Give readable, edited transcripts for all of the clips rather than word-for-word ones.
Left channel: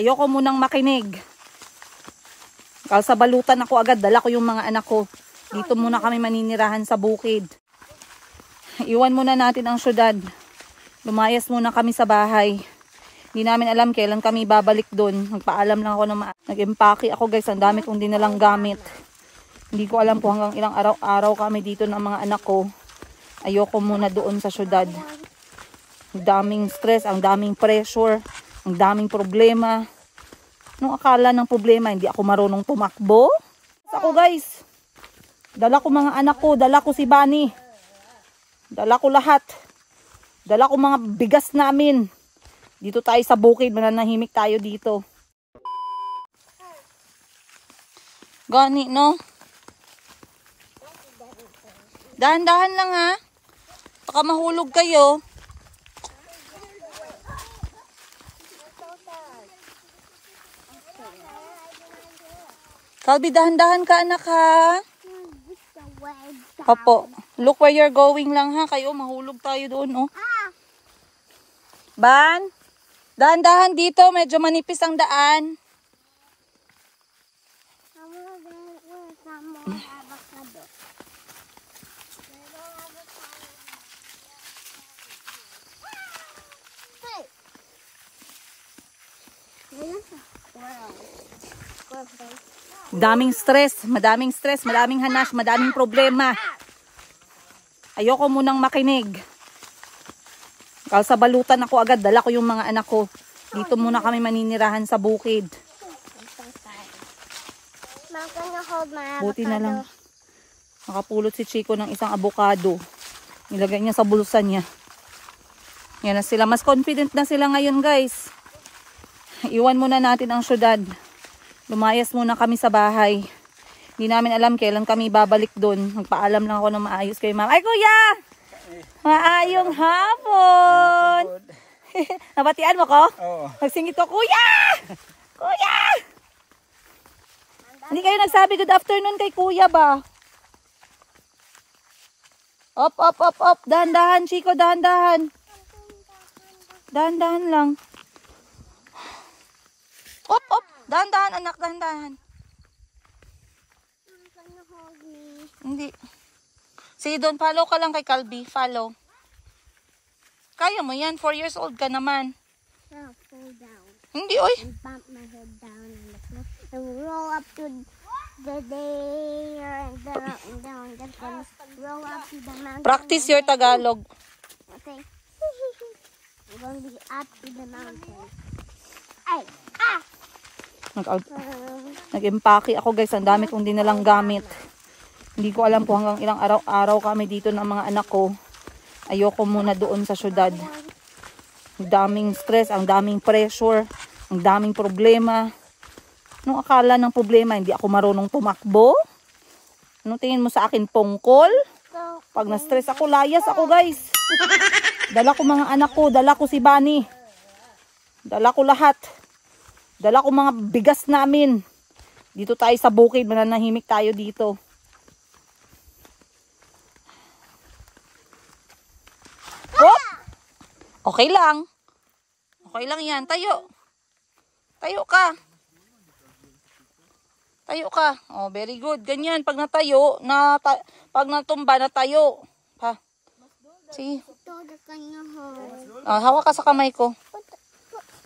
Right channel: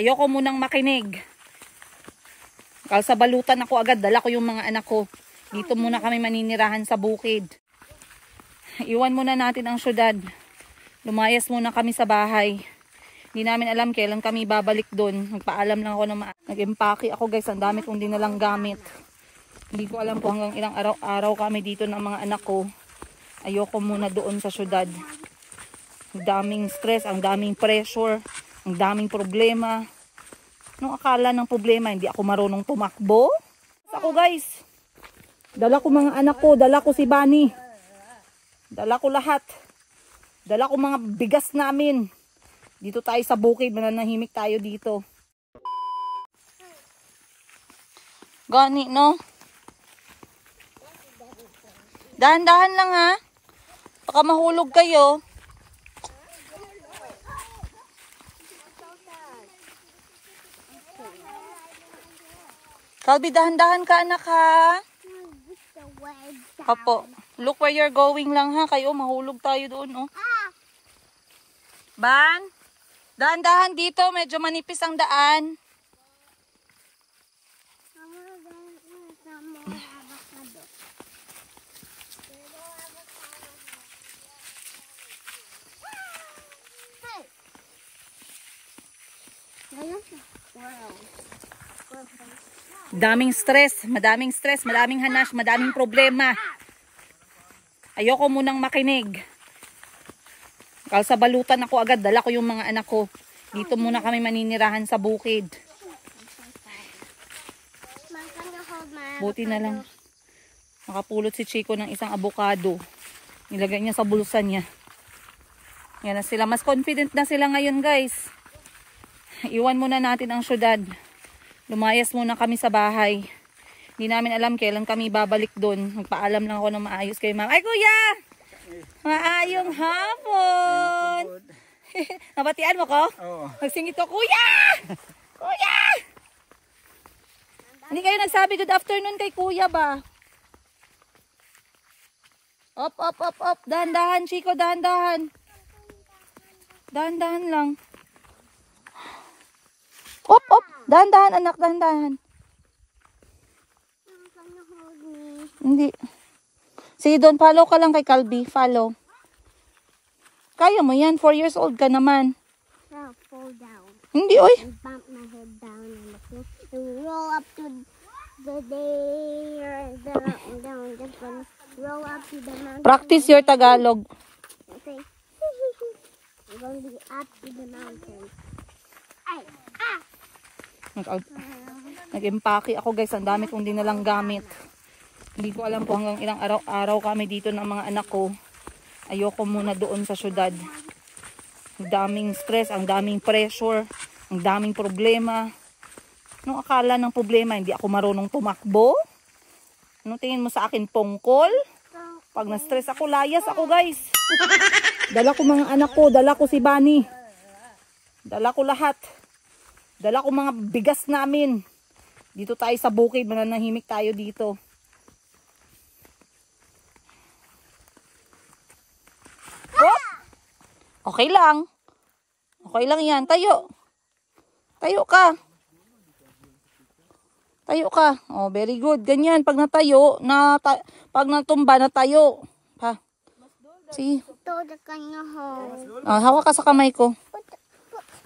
Ayoko munang makinig. Kalsabalutan ako agad, dala ko yung mga anak ko. Dito muna kami maninirahan sa bukid. Iwan muna natin ang syudad. Lumayas muna kami sa bahay. Hindi namin alam kailan kami babalik doon. Magpaalam lang ako na nag-empake ako guys. Ang dami kong dinalang gamit. Hindi ko alam kung hanggang ilang araw-araw kami dito ng mga anak ko. Ayoko muna doon sa syudad. Ang daming stress, ang daming pressure, ang daming problema. Nung akala ng problema, hindi ako marunong tumakbo. Ako guys, dala ko mga anak ko, dala ko si Bunny. Dala ko lahat. Dala ko mga bigas namin. Dito tayo sa bukid, mananahimik tayo dito. Gani, no? Dahan-dahan lang ha. Baka mahulog kayo. Calby, dahan-dahan ka anak ha. Opo. Look where you're going lang ha. Kayo, mahulog tayo doon oh. Ban, dahan-dahan dito. Medyo manipis ang daan. Daming stress, madaming hanas, madaming problema. Ayoko munang makinig. Kalsabalutan ako agad, dala ko yung mga anak ko. Dito muna kami maninirahan sa bukid. Buti na lang nakapulot si Chico ng isang avocado. Nilagay niya sa bulsa niya. Yan na sila, mas confident na sila ngayon guys. Iwan muna natin ang syudad. Lumayas muna kami sa bahay. Hindi namin alam kailan kami babalik doon. Magpaalam lang ako na maayos kay mama. Ay kuya! Maayong hapon! Nabatian mo ko? Oo. Nagsingit ko, kuya! Kuya! Hindi kayo nagsabi good afternoon kay kuya ba? Op, op, op, op. Dahan-dahan, Chico, dahan-dahan. Dahan-dahan lang. Op, op. Dahan-dahan, anak, dahan-dahan. Hindi. Sige, don't follow ka lang kay Calby. Follow. Kaya mo yan. 4 years old ka naman. I'll fall down. Hindi, oy. And bump my head down in the floor. And roll up to the day and down. Just gonna roll up to the mountain. Practice your Tagalog. Okay. I'm gonna be up to the mountain. Ay! Ah! Nag-empake ako guys. Ang dami kong dinalang gamit. Hindi ko alam kung hanggang ilang araw-araw kami dito ng mga anak ko. Ayoko muna doon sa syudad. Ang daming stress, ang daming pressure, ang daming problema. Nung akala ng problema, hindi ako marunong tumakbo. Anong tingin mo sa akin, pongkol? Pag na-stress ako, layas ako guys. Dala ko mga anak ko, dala ko si Bunny. Dala ko lahat. Dala ko mga bigas namin. Dito tayo sa bukid, mananahimik tayo dito. Oh! Okay lang. Okay lang yan. Tayo. Tayo ka. Tayo ka. Oh, very good. Ganyan. Pag natayo, pag natumba, natayo. Ha? See? Ito, the kanya home. Ah, hawak ka sa kamay ko.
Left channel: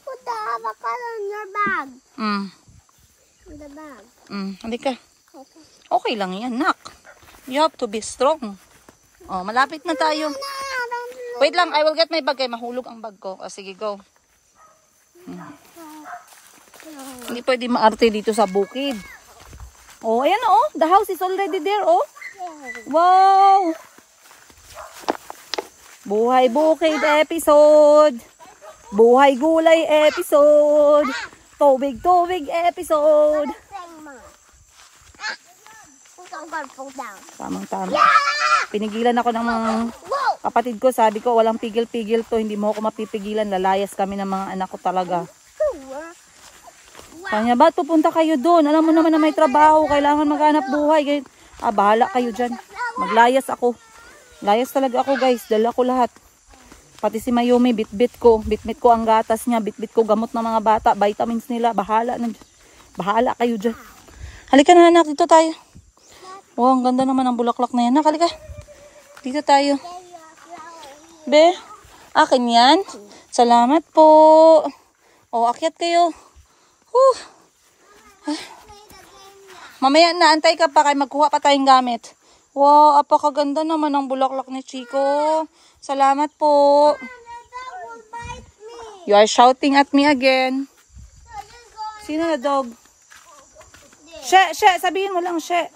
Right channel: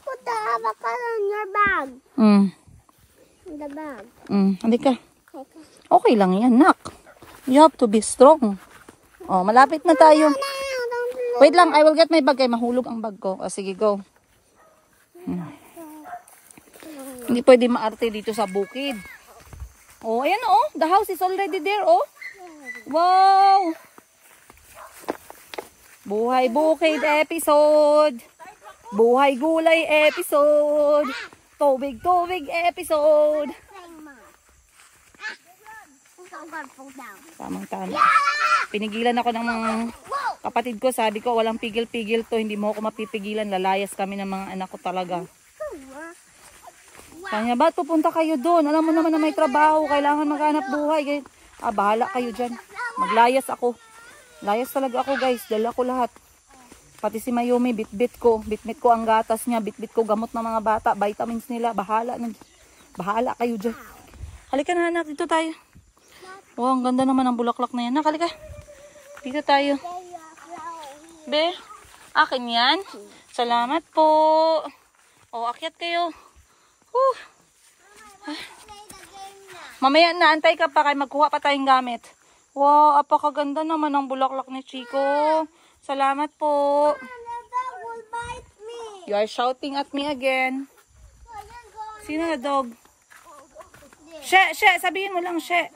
Put the avocado in your bag. In the bag. Halika. Okay lang yan, nak. You have to be strong. Oh, malapit na tayo. Wait lang, I will get my bag. Ay, mahulog ang bag ko. Oh, sige, go. Hindi pwede maarte dito sa bukid. Oh, ayan oh. The house is already there, oh. Wow! Buhay bukid episode. Buhay gulay episode. Tubig episode. Tamang-tama. Pinigilan ako ng mga kapatid ko. Sabi ko, walang pigil-pigil to. Hindi mo ako mapipigilan. Lalayas kami ng mga anak ko talaga. Kanya ba, punta kayo doon. Alam mo naman na may trabaho. Kailangan maghanap buhay. Bahala kayo dyan. Maglayas ako. Layas talaga ako guys. Dala ko lahat. Pati si Mayumi, bit-bit ko. Bit-bit ko ang gatas niya. Bit-bit ko gamot ng mga bata. Vitamins nila. Bahala kayo dyan. Halika na anak, dito tayo. Wow, ang ganda naman ang bulaklak na yan. Halika. Dito tayo. Be, akin yan. Salamat po. O, akyat kayo. Mamaya na, antay ka pa kay magkuha pa tayong gamit. Wow, apakaganda naman ang bulaklak ni Chico. Salamat po. You are shouting at me again. Sino na dog? She, sabihin mo lang, she.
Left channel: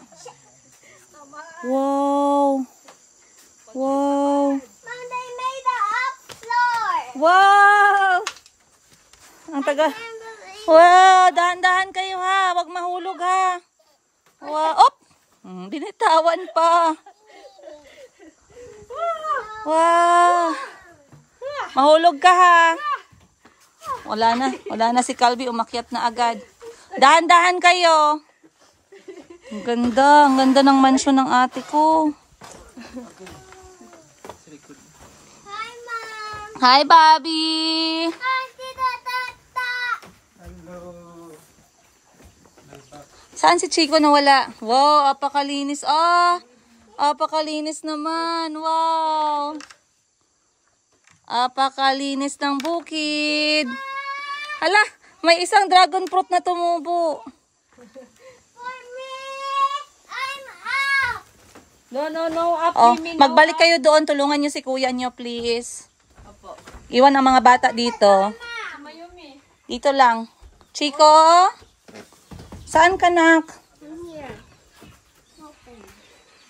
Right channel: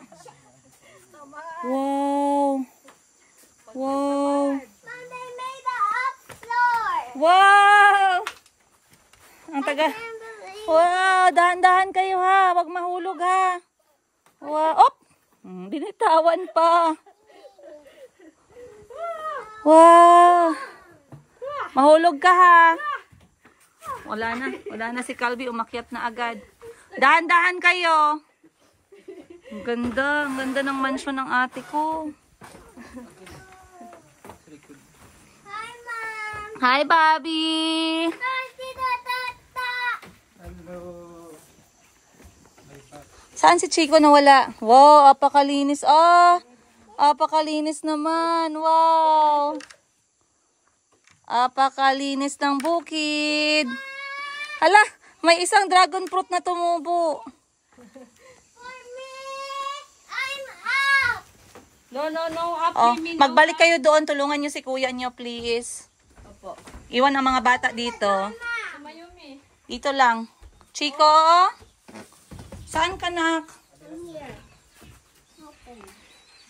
Wow. Wow. Wow. Ang taga. Wow, dahan-dahan kayo ha. Wag mahulog ha. Wow. Op! Binitawan pa. Wow. Mahulog ka ha. Wala na si Calvi. Umakyat na agad. Dahan-dahan kayo. Ang ganda ng mansyon ng ate ko. Hi, Mom. Hi, Bobby. Hi, Tita Tata. Hello. Saan si Chico nawala? Wow, apakalinis. Apakalinis naman. Wow. Apakalinis ng bukid. Hala, may isang dragon fruit na tumubo. For me, I'm up. No. Magbalik kayo doon. Tulungan niyo si kuya niyo, please. Iwan ang mga bata dito. Dito lang. Chico? Saan ka, nak? Here.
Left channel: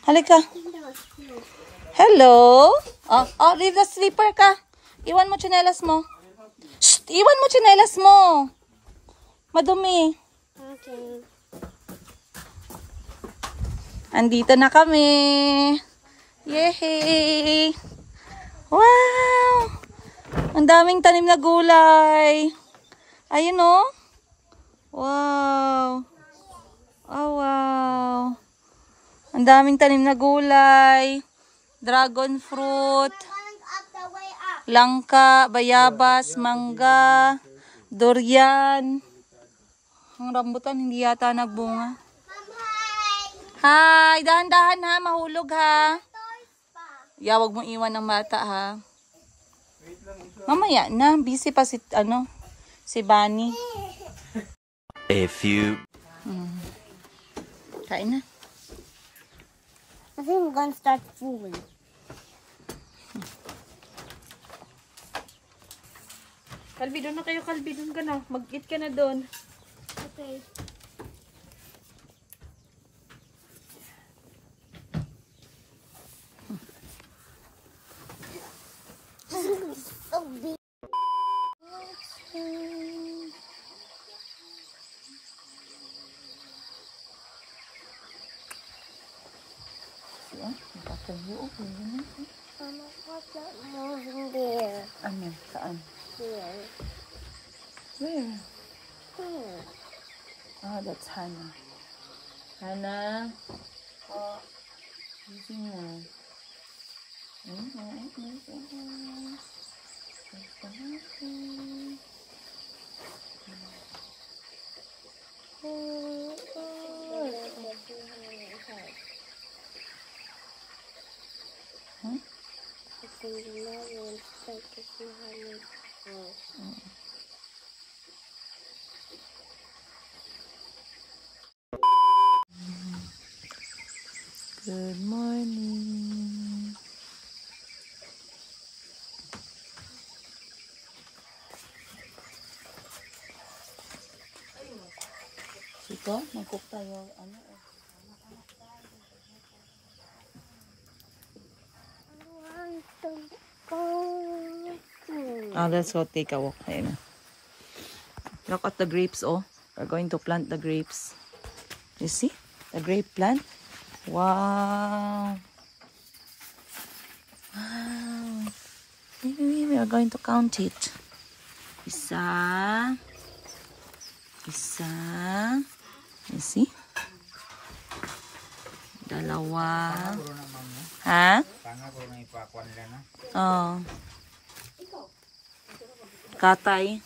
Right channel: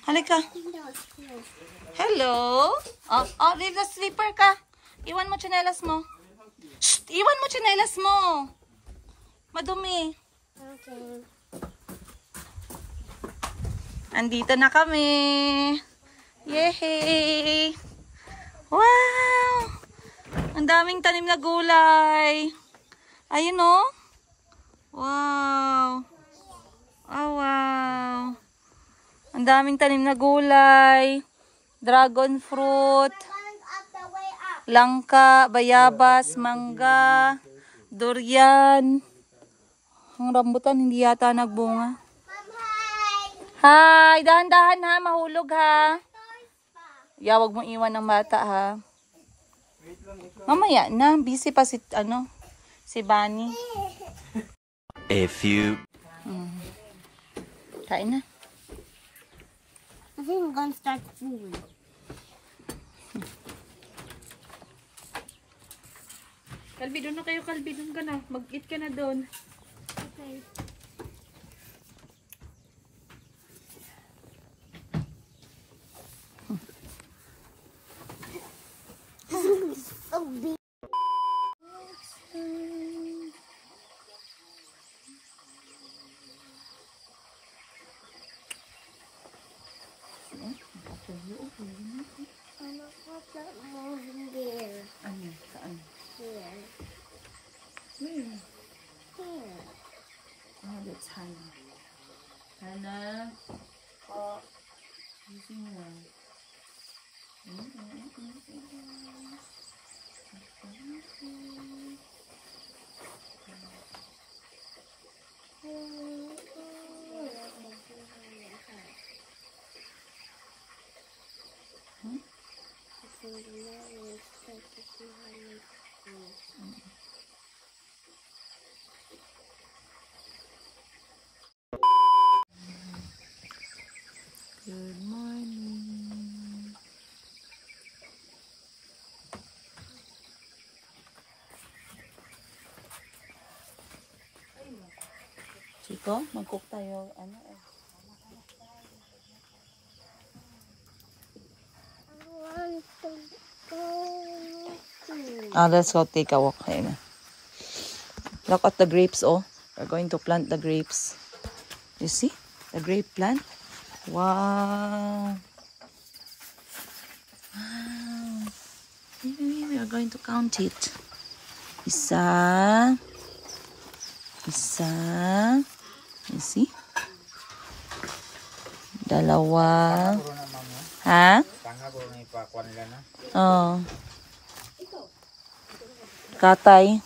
Halika. Hello? Leave the slipper ka. Iwan mo tsinelas mo. Shh! Iwan mo tsinelas mo. Madumi. Okay. Andito na kami. Yay! Wow! Ang daming tanim na gulay. Ayun o. Wow! Oh, wow! Ang daming tanim na gulay. Dragon fruit. Langka, bayabas, mangga, durian. Ang rambutan hindi yata nagbunga. Hi! Dahan-dahan ha, mahulog ha. Wag mong iwan ng bata ha. Mamaya na, busy pa si Bunny. A few. Kain na. I think I'm gonna start fooling. Kalbi, doon na kayo, Kalbi. Doon ka na. Mag-eat ka na doon. Okay. So big. Mama, what's that moving there? Ano? Saan? Here. Where? Here. Oh, that's Hannah. Hannah? Using her. Good morning. Ito, mag-cook tayo. Let's go take a walk. Ayun na. Look at the grapes, oh. We're going to plant the grapes. You see? The grape plant. Wow. Wow. We are going to count it. Isa. You see? Dalawa. Ha? Oh. Katay.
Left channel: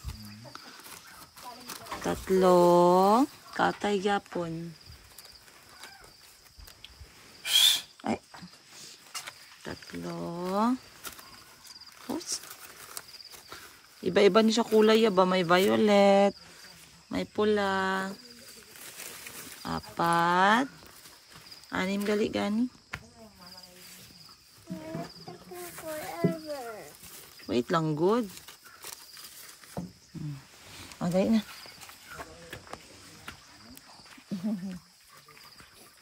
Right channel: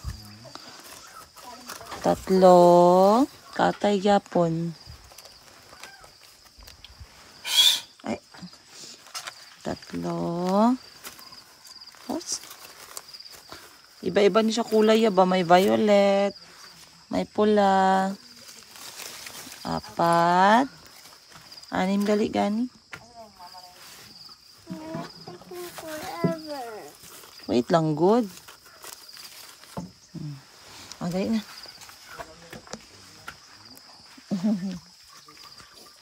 3. Katay yapon. Ay. 3. Tapos, iba-iba niya siya kulay ba? May violet, may pula. 4. 6 gali gani. Wait lang, good. Dali na.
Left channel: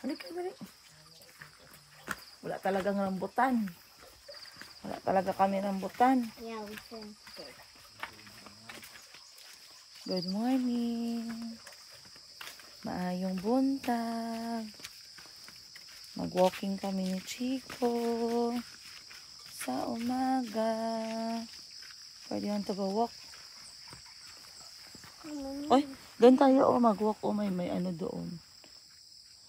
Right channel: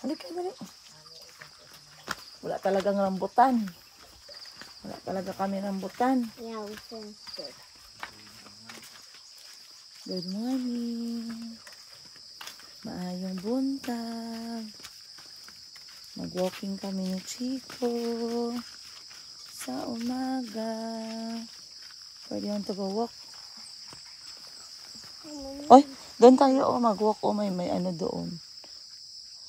Halika, dali. Wala talagang rambutan. Wala talaga kami rambutan. Yeah, we finished it. Good morning. Maayong buntag. Mag-walking kami ni Chico sa umaga. Pwede yun to go walk. Oy, doon tayo mag-walk. May ano doon.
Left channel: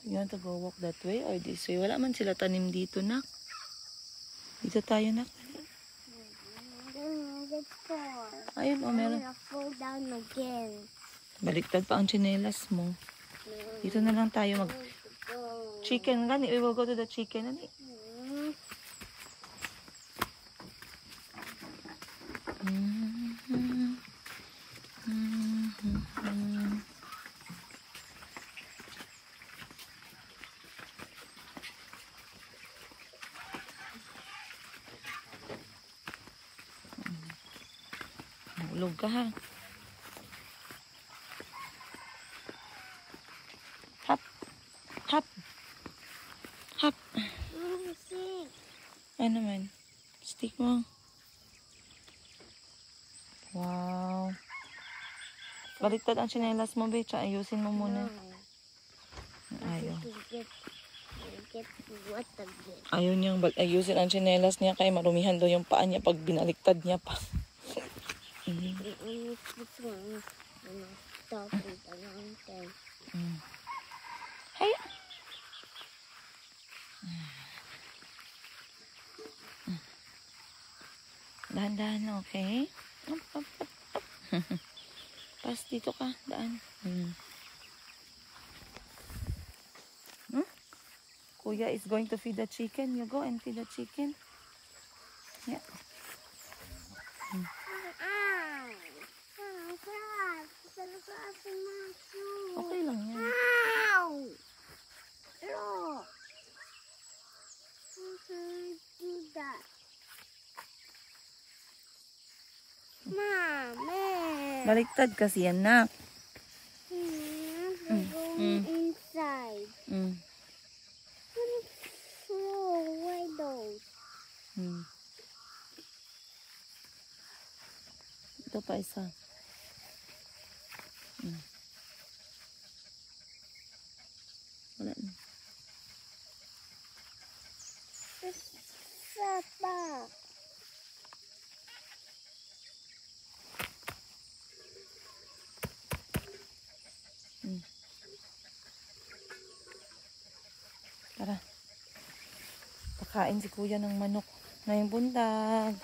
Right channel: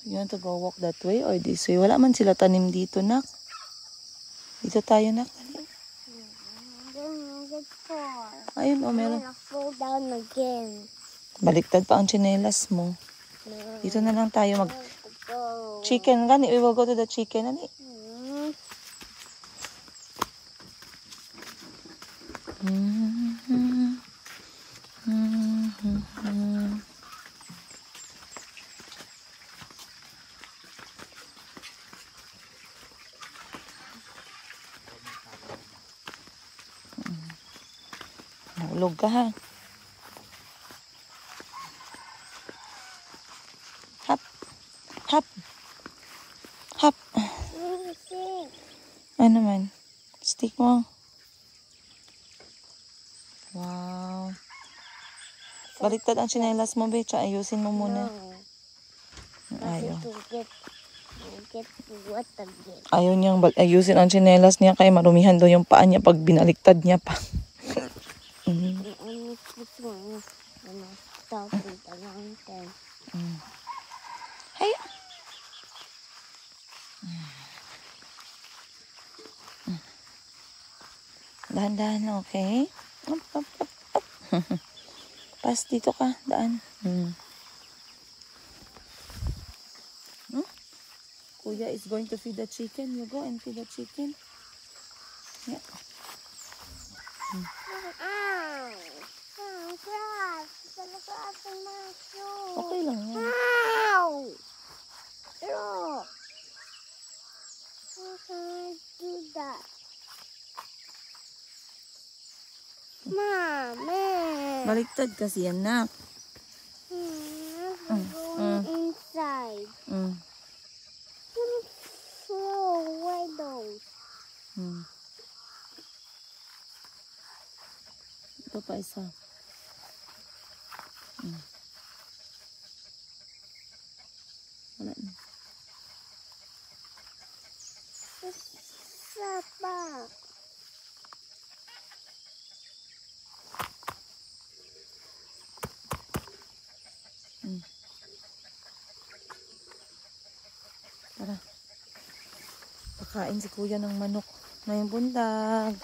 You want to go walk that way or this way? Wala man sila tanim dito, nak. Dito tayo, nak. Ayun, meron. Go down again. Baliktad pa ang tsinelas mo. Dito na lang tayo chicken, gani. We will go to the chicken, gani. Nahulog ka, ha? Hop. Hop. Hop. Ano man? Stick mo. Wow. Baliktad ang tsinelas mo, Betcha. Ayusin mo muna. Ayaw. Ayaw niyang ayusin ang tsinelas niya kaya marumihan daw yung paa niya pag binaliktad niya pa. Hey. Dahan-dahan lang, okay? Up, up, up, up. Pas dito ka, daan. Kuya is going to feed the chicken. You go and feed the chicken. Yeah. Okay lang yan. Do that. Mommy. Baliktad kasi yan, nak. Inside. Why those? Ito pa isa. Wala na. Papa. Tara. Pakain si kuya ng manok. Ngayong buntag.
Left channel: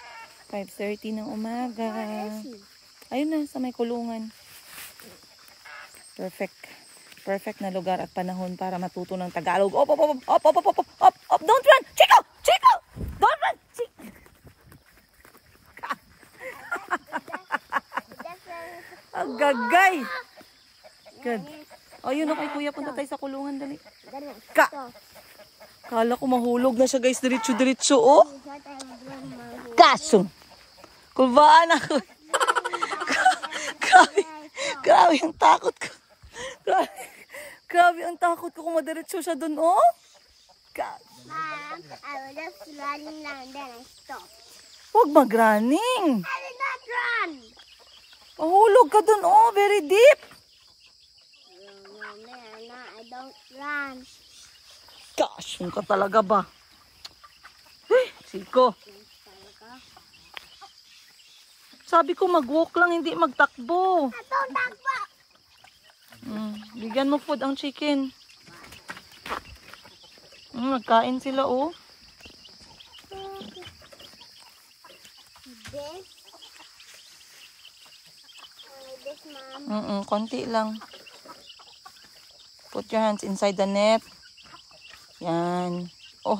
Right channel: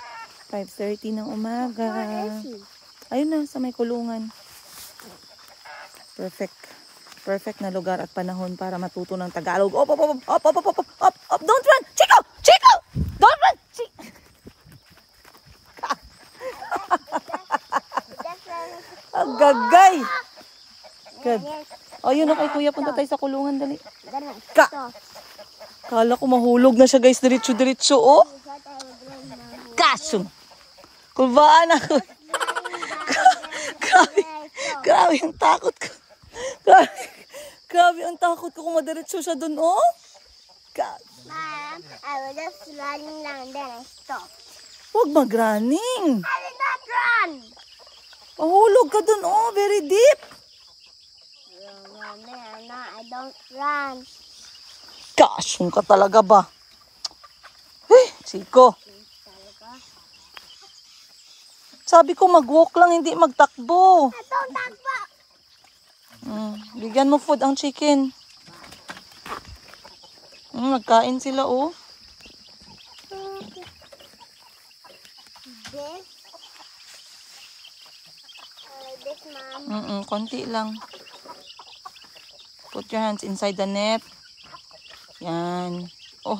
5:30 ng umaga. Ayun na, sa may kulungan. Perfect. Perfect na lugar at panahon para matuto ng Tagalog. Op, op, op, op, op, op, op, op, op, don't run! Chico! Chico! Don't run! Agagay! Good. Oh, yun na kay kuya. Punta tayo sa kulungan. Dali. Kala ko mahulog na siya, guys. Diretso-diretso, oh. Kasong. Kulbaan ako. Grabe ang takot ko. Grabe ang takot ko kung madiretso siya dun, oh. Mom, I was just running and then I stopped. Huwag mag-running. I did not run. Mahulog ka dun, oh. Very deep. I don't run. Kasong ka talaga ba? Chico. Sabi ko mag-walk lang, hindi magtakbo. I don't takbo. Bigyan mo food ang chicken. Nagkain sila, oh. This. Konti lang. Put your hands inside the net. Yan. Oh,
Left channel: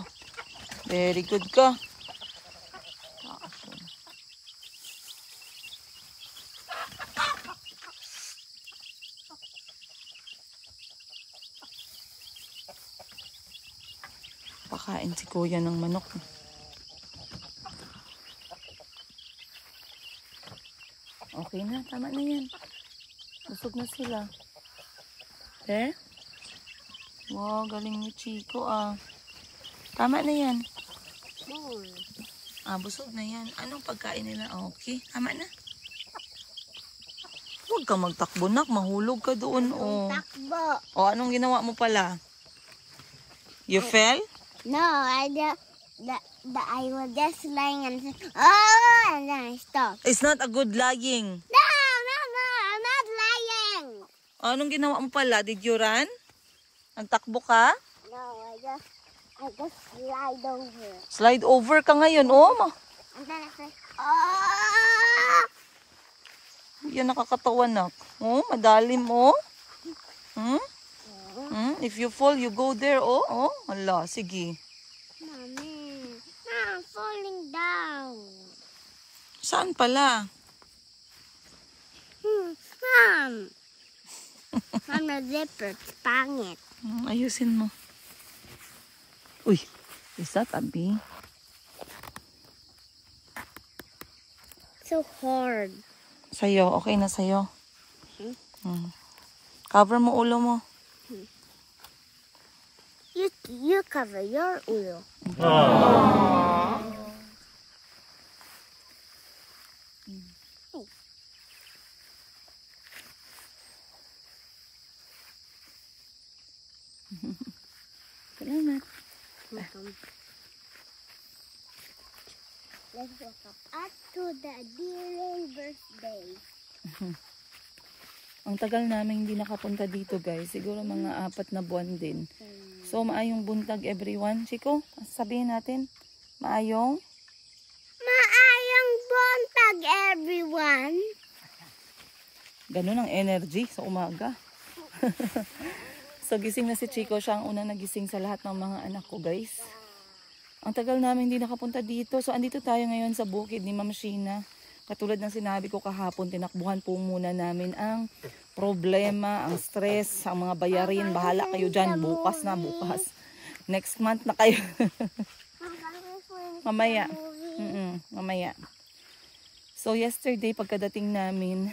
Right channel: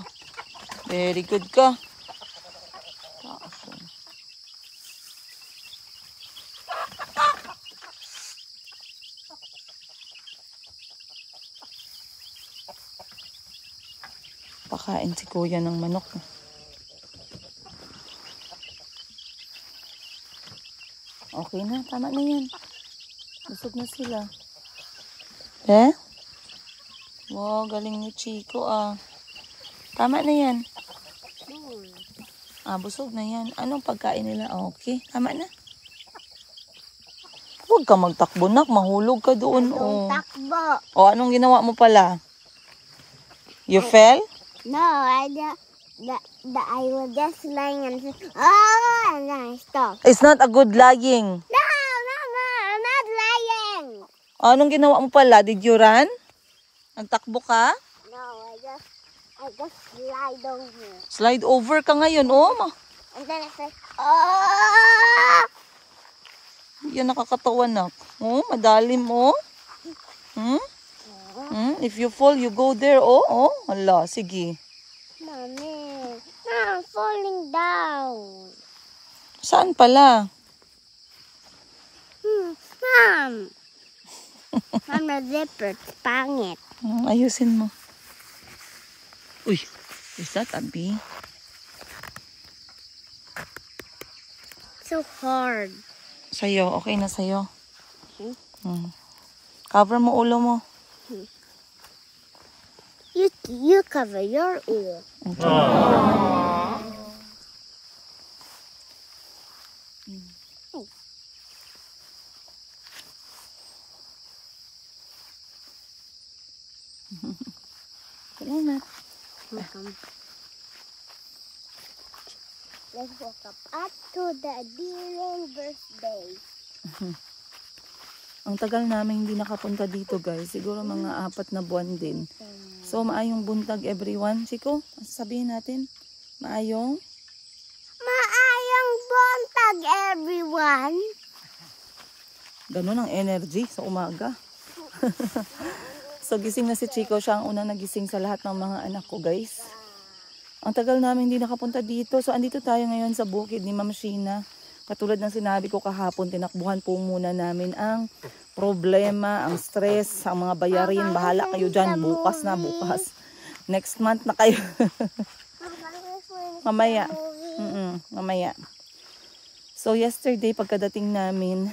very good ka. Taas yun. Pakain si kuya ng manok. Okay na, tama na yan. Busog na sila. Eh? Wow, galing ni Chico ah. Tama na yan. Busog na yan. Anong pagkain nila? Okay, tama na. Huwag ka magtakbo, nak. Mahulog ka doon. Oh. Takbo. O, anong ginawa mo pala? You fell? No, I was just lying and said, oh, and then I stopped. It's not a good lying. No, I'm not lying. Anong ginawa mo pala? Did you run? Nagtakbo ka? No, I just slide over. Slide over ka ngayon, oh. And then I said, oh. Yan nakakatawa, nak. Oh, madalim, oh. If you fall, you go there, oh. Oh, hala, sige. Mommy, I'm falling down. Saan pala? Mom. I'm a zipper. It's pangit. Ayusin mo. Uy, is that a bee? So hard. Sa'yo, okay na sa'yo. Cover mo ulo mo. You cover your ear. Salamat. Let's walk up to the Dylan birthday. Ang tagal namin hindi nakapunta dito, guys. Siguro mga 4 na buwan din. So, maayong buntag everyone. Chico, sabihin natin. Maayong buntag, everyone. ganun ang energy sa umaga. So, gising na si Chico. Siya ang unang nagising sa lahat ng mga anak ko, guys. Ang tagal namin hindi nakapunta dito. So, andito tayo ngayon sa bukid ni Ma'am Sheena. Katulad ng sinabi ko kahapon, tinakbuhan po muna namin ang problema, ang stress, ang mga bayarin. Bahala kayo dyan. Bukas na, bukas. Next month na kayo. Mamaya. Mamaya. So, yesterday, pagkadating namin,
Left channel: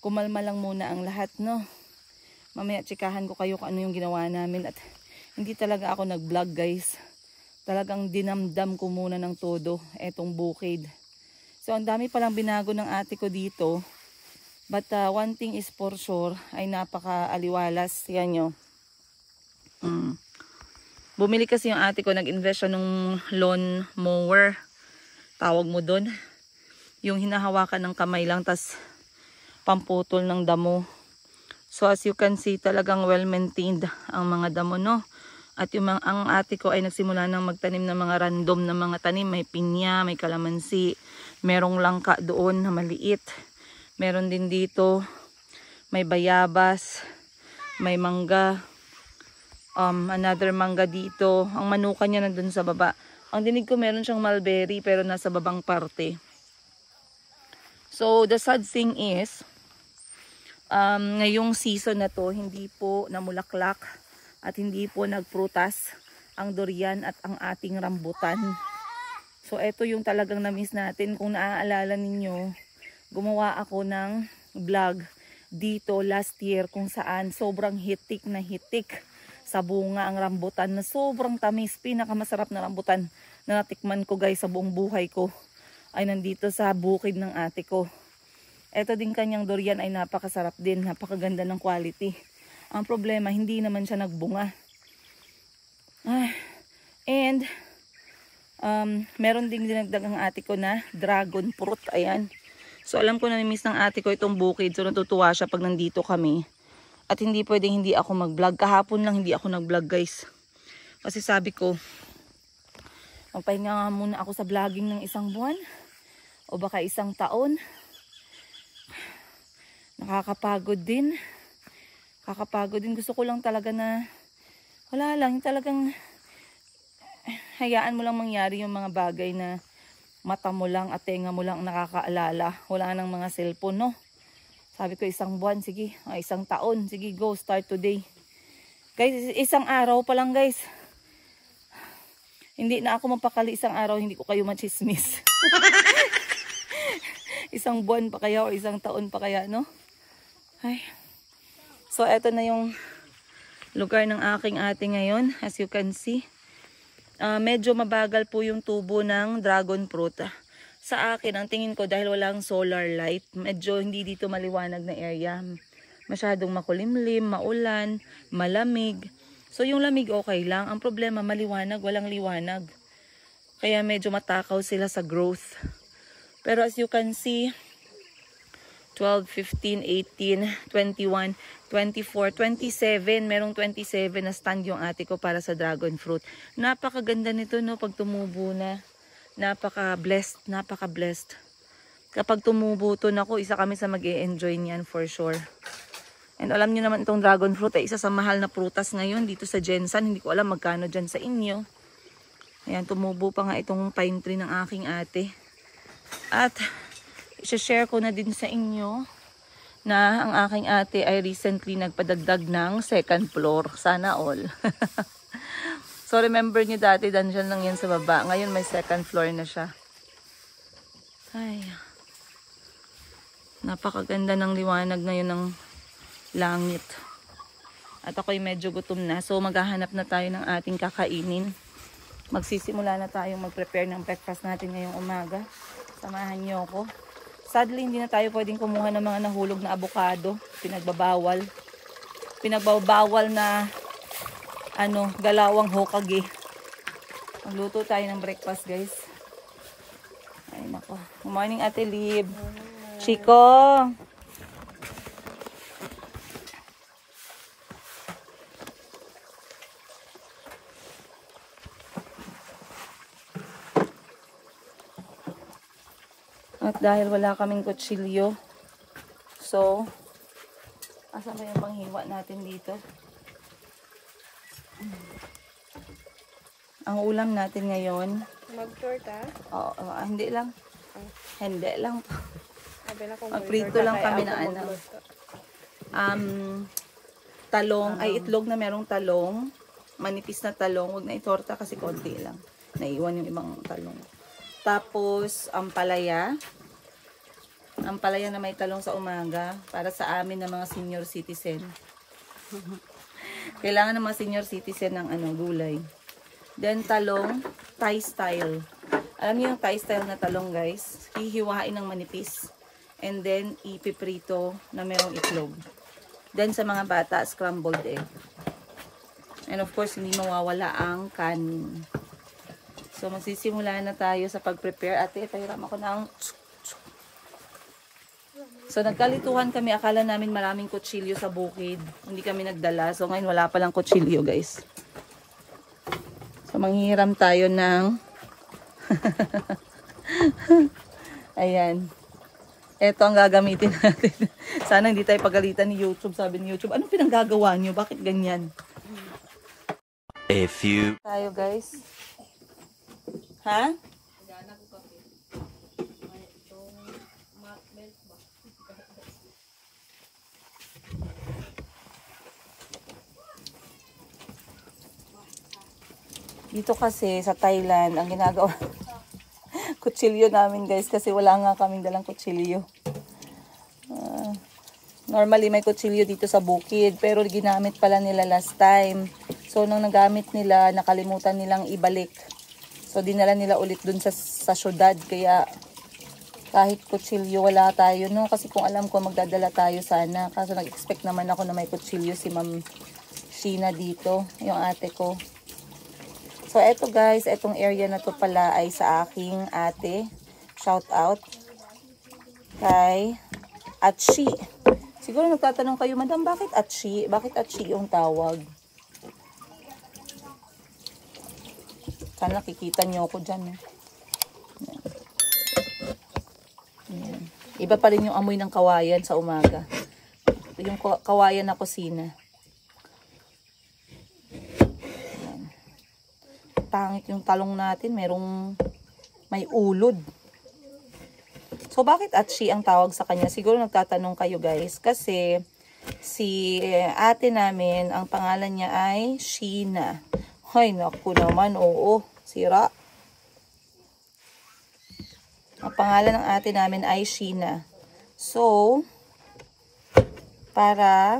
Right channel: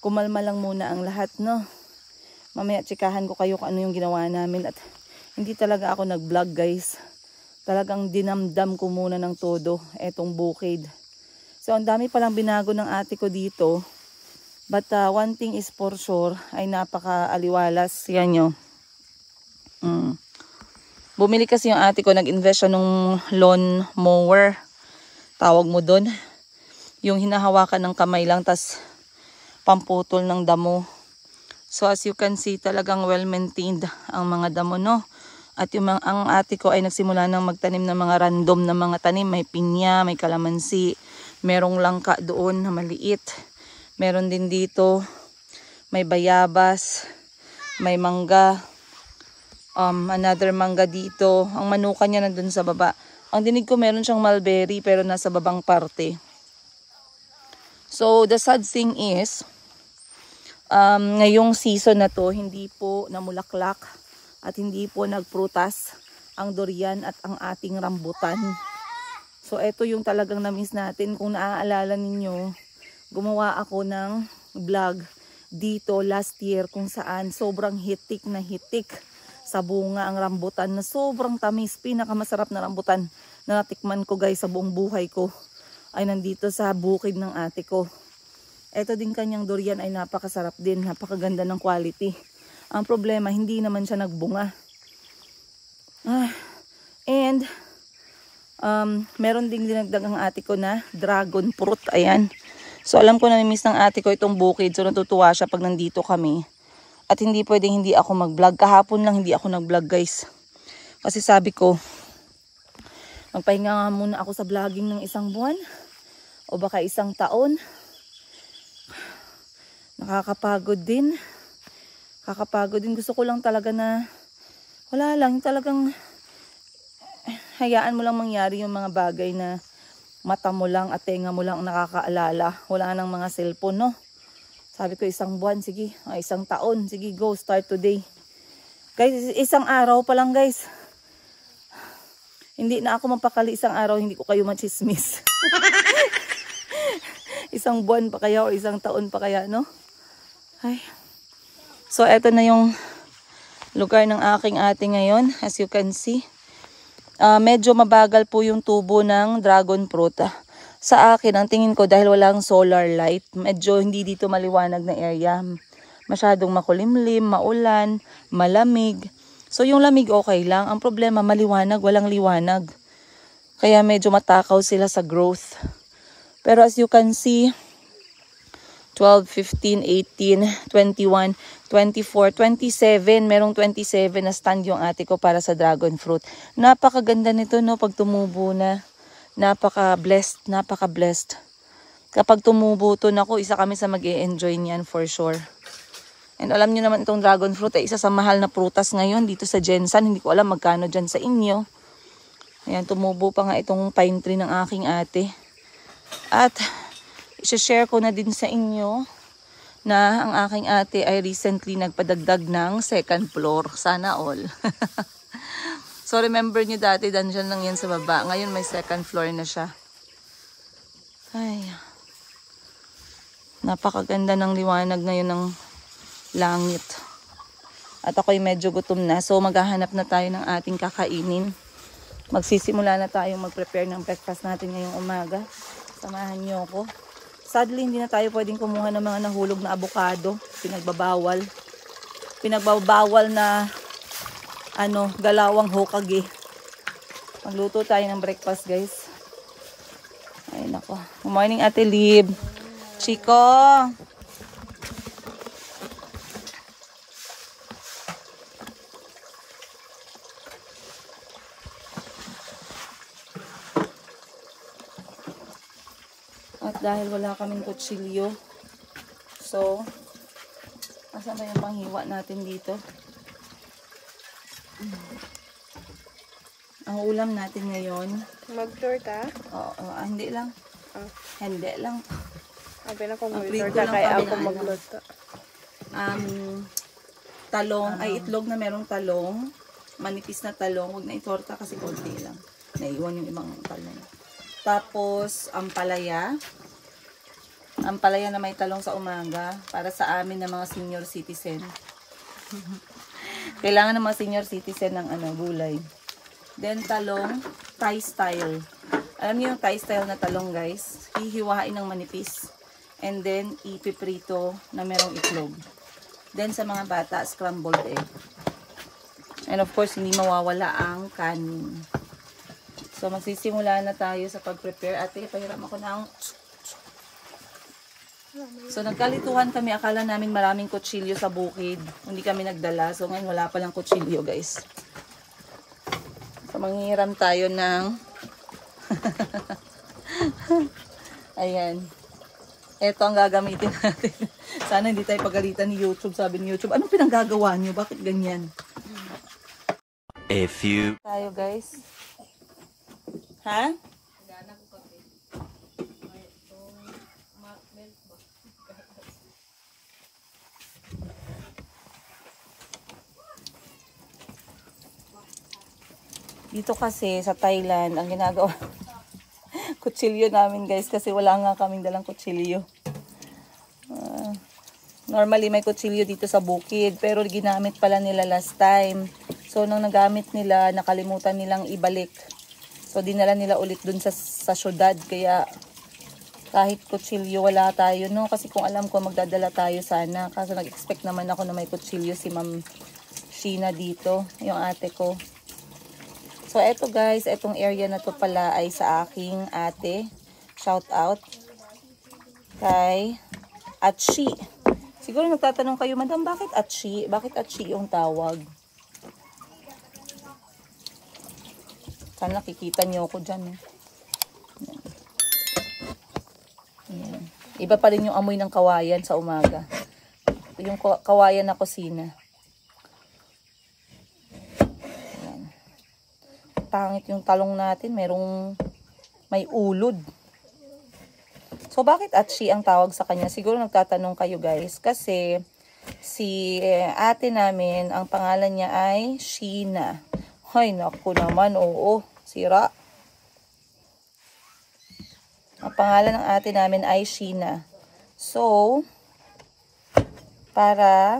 kumalma lang muna ang lahat, no? Mamaya, tsikahan ko kayo kung ano yung ginawa namin. At hindi talaga ako nag-vlog, guys. Talagang dinamdam ko muna ng todo etong bukid. So, ang dami palang binago ng ate ko dito. But one thing is for sure, ay napaka-aliwalas. Yan nyo. Bumili kasi yung ate ko, nag-invest siya nung lawn mower. Tawag mo doon. Yung hinahawakan ng kamay lang, tas pamputol ng damo. So, as you can see, talagang well-maintained ang mga damo, no? At ang ate ko ay nagsimula ng magtanim ng mga random na mga tanim. May pinya, may kalamansi. Merong langka doon na maliit. Meron din dito. May bayabas. May mangga. Another mangga dito. Ang manuka niya nandun sa baba. Ang dinig ko meron siyang mulberry pero nasa babang parte. So the sad thing is, ngayong season na to, hindi po namulaklak at hindi po nagprutas ang durian at ang ating rambutan. So, ito yung talagang na-miss natin. Kung naaalala ninyo, gumawa ako ng vlog dito last year kung saan sobrang hitik na hitik sa bunga ang rambutan na sobrang tamis. Pinakamasarap na rambutan na natikman ko, guys, sa buong buhay ko ay nandito sa bukid ng ate ko. Ito din kanyang durian ay napakasarap din. Napakaganda ng quality. Ang problema, hindi naman siya nagbunga. And meron ding dinagdag ang ate ko na dragon fruit. Ayan. So, alam ko na namiss ng ate ko itong bukid. So, natutuwa siya pag nandito kami. At hindi pwedeng hindi ako mag-vlog. Kahapon lang hindi ako nag-vlog, guys. Kasi sabi ko, magpahinga nga muna ako sa vlogging ng 1 buwan. O baka 1 taon. Nakakapagod din. Gusto ko lang talaga na wala lang, talagang hayaan mo lang mangyari yung mga bagay na mata mo lang at tenga mo lang nakakaalala. Wala nang mga cellphone, no? Sabi ko 1 buwan, sige. 1 taon, sige, go, start today. Guys, 1 araw pa lang, guys. Hindi na ako mapakali 1 araw, hindi ko kayo machismis. 1 buwan pa kaya o 1 taon pa kaya, no? Ay. So, eto na yung lugar ng aking ate ngayon. As you can see. Medyo mabagal po yung tubo ng dragon fruit. Sa akin, ang tingin ko dahil walang solar light, medyo hindi dito maliwanag na area. Masyadong makulimlim, maulan, malamig. So, yung lamig okay lang. Ang problema, maliwanag, walang liwanag. Kaya medyo matakaw sila sa growth. Pero as you can see, 12, 15, 18, 21, 24, 27. Merong 27 na stand yung ate ko para sa dragon fruit. Napakaganda nito, no? Pag tumubo na. Napaka-blessed. Kapag tumubo to, naku, isa kami sa mag-e-enjoy niyan for sure. And alam niyo naman itong dragon fruit ay isa sa mahal na prutas ngayon dito sa Jensan. Hindi ko alam magkano dyan sa inyo. Ayan, tumubo pa nga itong pine tree ng aking ate. At i-share ko na din sa inyo na ang aking ate ay recently nagpadagdag ng 2nd floor. Sana all. So remember nyo dati, dungeon lang yan sa baba. Ngayon may 2nd floor na siya. Ay. Napakaganda ng liwanag ngayon ng langit. At ako'y medyo gutom na. So maghahanap na tayo ng ating kakainin. Magsisimula na tayong mag-prepare ng breakfast natin ngayong umaga. Samahan nyo ako. Sadly, hindi na tayo pwedeng kumuha ng mga nahulog na avocado. Pinagbabawal. Pinagbabawal na dalawang Hokage. Magluto tayo ng breakfast, guys. Ay, nako. Good morning, Ate Lib. Chico! At dahil wala kaming kutsilyo, so, asan ba yung panghiwa natin dito? Ang ulam natin ngayon, Mag-torta? Oo, hindi lang. Hindi lang. Magprito lang kami na talong, ay itlog na merong talong. Manipis na talong. Huwag na itorta kasi konti lang. Naiwan yung ibang talong. Tapos, ampalaya. Ampalaya na may talong sa umaga. Para sa amin na mga senior citizen. Kailangan ng mga senior citizen ng gulay. Then, talong, Thai style. Alam niyo yung Thai style na talong, guys? Hihiwain ng manipis. And then, ipiprito na merong itlog. Then, sa mga bata, scrambled egg. And of course, hindi mawawala ang kanin. So, magsisimula na tayo sa pag-prepare. Ate, pahiram ako ng... So, nagkalituhan kami. Akala namin maraming kutsilyo sa bukid. Hindi kami nagdala. So, ngayon wala palang kutsilyo, guys. So, manghiram tayo ng... Ayan. Ito ang gagamitin natin. Sana hindi tayo pagalitan ni YouTube. Sabi ni YouTube, anong pinanggagawa niyo? Bakit ganyan? A few... Tayo, guys. Ha? Dito kasi sa Thailand, ang ginagawa kutsilyo namin, guys, kasi wala nga kaming dalang kutsilyo. Normally may kutsilyo dito sa bukid, pero ginamit pala nila last time. So nung nagamit nila, nakalimutan nilang ibalik. So dinala nila ulit dun sa syudad, kaya kahit kutsilyo wala tayo, no? Kasi kung alam ko magdadala tayo sana, kasi nag-expect naman ako na may kutsilyo si Ma'am Sheena dito, yung ate ko. So eto, guys, etong area na to pala ay sa aking ate. Shout out kay Atshi. Siguro nagtatanong kayo, Madam, bakit Atshi? Bakit Atshi yung tawag? Sana nakikita niyo ako dyan. Ayan. Iba pa rin yung amoy ng kawayan sa umaga. yung kawayan na kusina. Ayan. Pangit yung talong natin, may ulod. So, bakit Atshi ang tawag sa kanya? Siguro nagtatanong kayo guys. Kasi, si ate namin, ang pangalan niya ay Sheena. Ay, naku naman, oo. Sira. Ang pangalan ng ate namin ay Sheena. So, para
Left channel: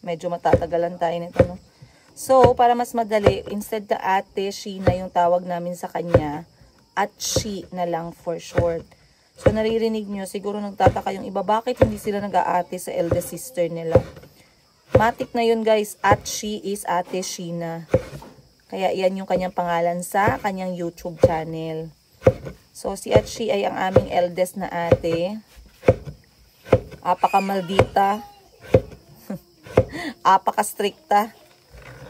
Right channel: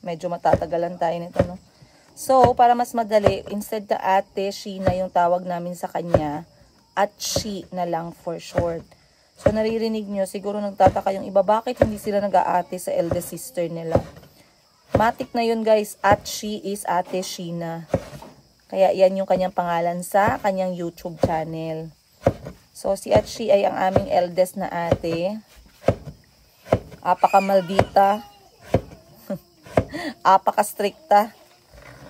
medyo matatagalan tayo nito, no? So, para mas madali, instead na ate Sheena yung tawag namin sa kanya, Atshi na lang for short. So, naririnig nyo, siguro nagtataka yung iba, bakit hindi sila nag-aate sa eldest sister nila? Matik na yun guys, Atshi is Ate Sheena. Kaya yan yung kanyang pangalan sa kanyang YouTube channel. So, si Atshi ay ang aming eldest na ate. Apaka-maldita. Apaka-stricta.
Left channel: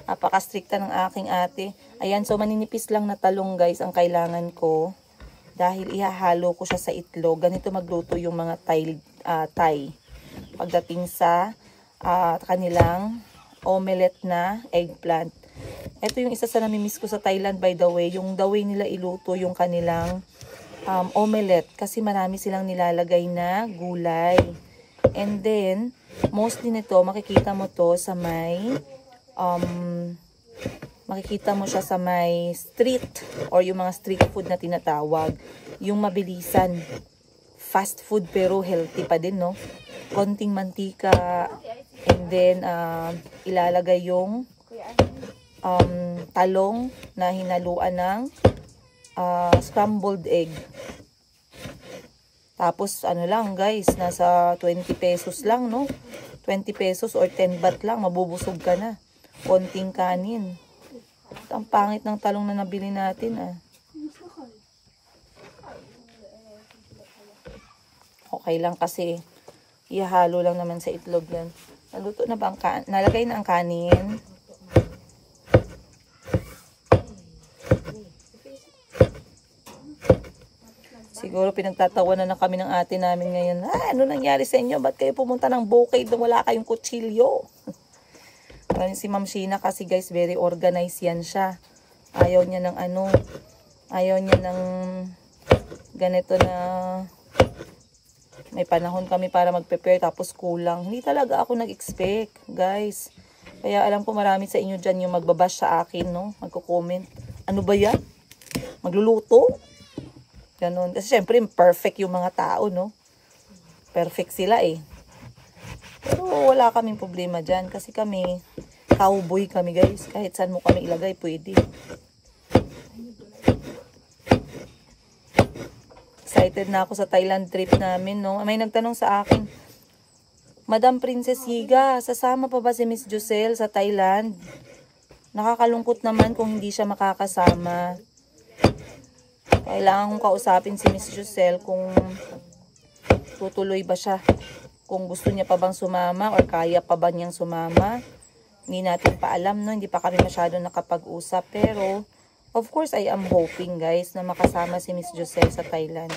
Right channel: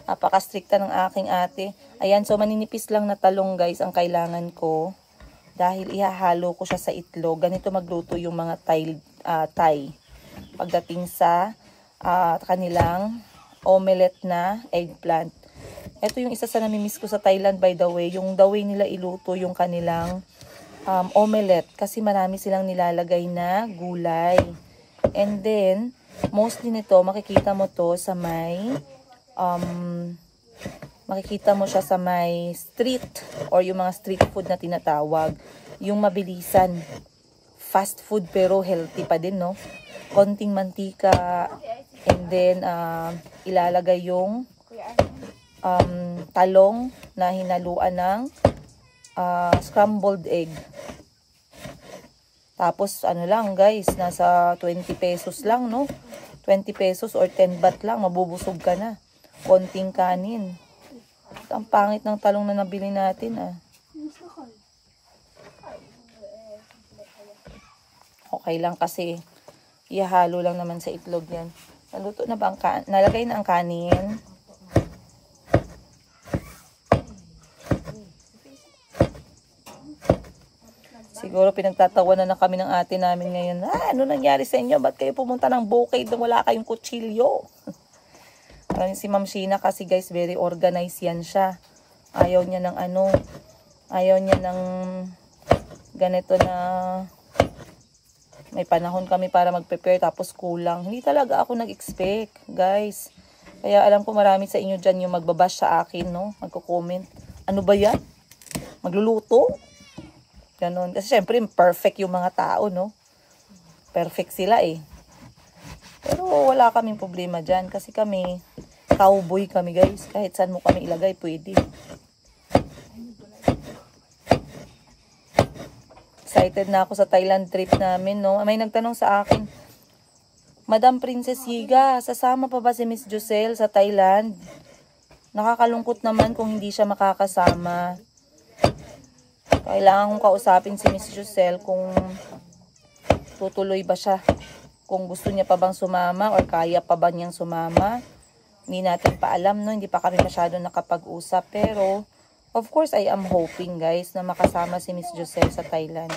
Apaka-stricta ng aking ate. Ayan, so maninipis lang na talong guys ang kailangan ko. Dahil ihahalo ko siya sa itlog. Ganito magluto yung mga Thai. Pagdating sa kanilang omelette na eggplant. Ito yung isa sa namimiss ko sa Thailand by the way. Yung the way nila iluto yung kanilang omelette. Kasi marami silang nilalagay na gulay. And then, mostly nito, makikita mo to sa may makikita mo siya sa may street or yung mga street food na tinatawag. Yung mabilisan. Fast food pero healthy pa din, no? Konting mantika and then ilalagay yung talong na hinaluan ng scrambled egg. Tapos ano lang guys, nasa 20 pesos lang, no? 20 pesos or 10 baht lang, mabubusog ka na. Konting kanin. Ang pangit ng talong na nabili natin, Okay lang kasi ihalo lang naman sa itlog yan. Naluto na ba ang kanin? Nalagay na ang kanin. Siguro pinagtatawanan na kami ng ate namin ngayon. Ano nangyari sa inyo? Ba't kayo pumunta ng bukid nung wala kayong kutsilyo? Si Ma'am Sheena kasi guys, very organized yan siya. Ayaw niya ng ayaw niya ng ganito na may panahon kami para mag-prepare tapos kulang. Hindi talaga ako nag-expect, guys. Kaya alam ko marami sa inyo dyan yung magbabash sa akin, no? Magko-comment. Ano ba yan? Magluluto? Ganon. Kasi syempre, perfect yung mga tao, no? Perfect sila eh. Pero wala kaming problema dyan. Kasi kami, cowboy kami guys. Kahit saan mo kami ilagay, pwede. Excited na ako sa Thailand trip namin, no? May nagtanong sa akin, Madam Princess Higa, sasama pa ba si Miss Joselle sa Thailand? Nakakalungkot naman kung hindi siya makakasama. Kailangan kong kausapin si Miss Joselle kung tutuloy ba siya. Kung gusto niya pa bang sumama or kaya pa ba niyang sumama. Hindi natin pa alam, no? Hindi pa kami masyado nakapag-usap. Pero, of course, I am hoping, guys, na makasama si Miss Joselle sa Thailand.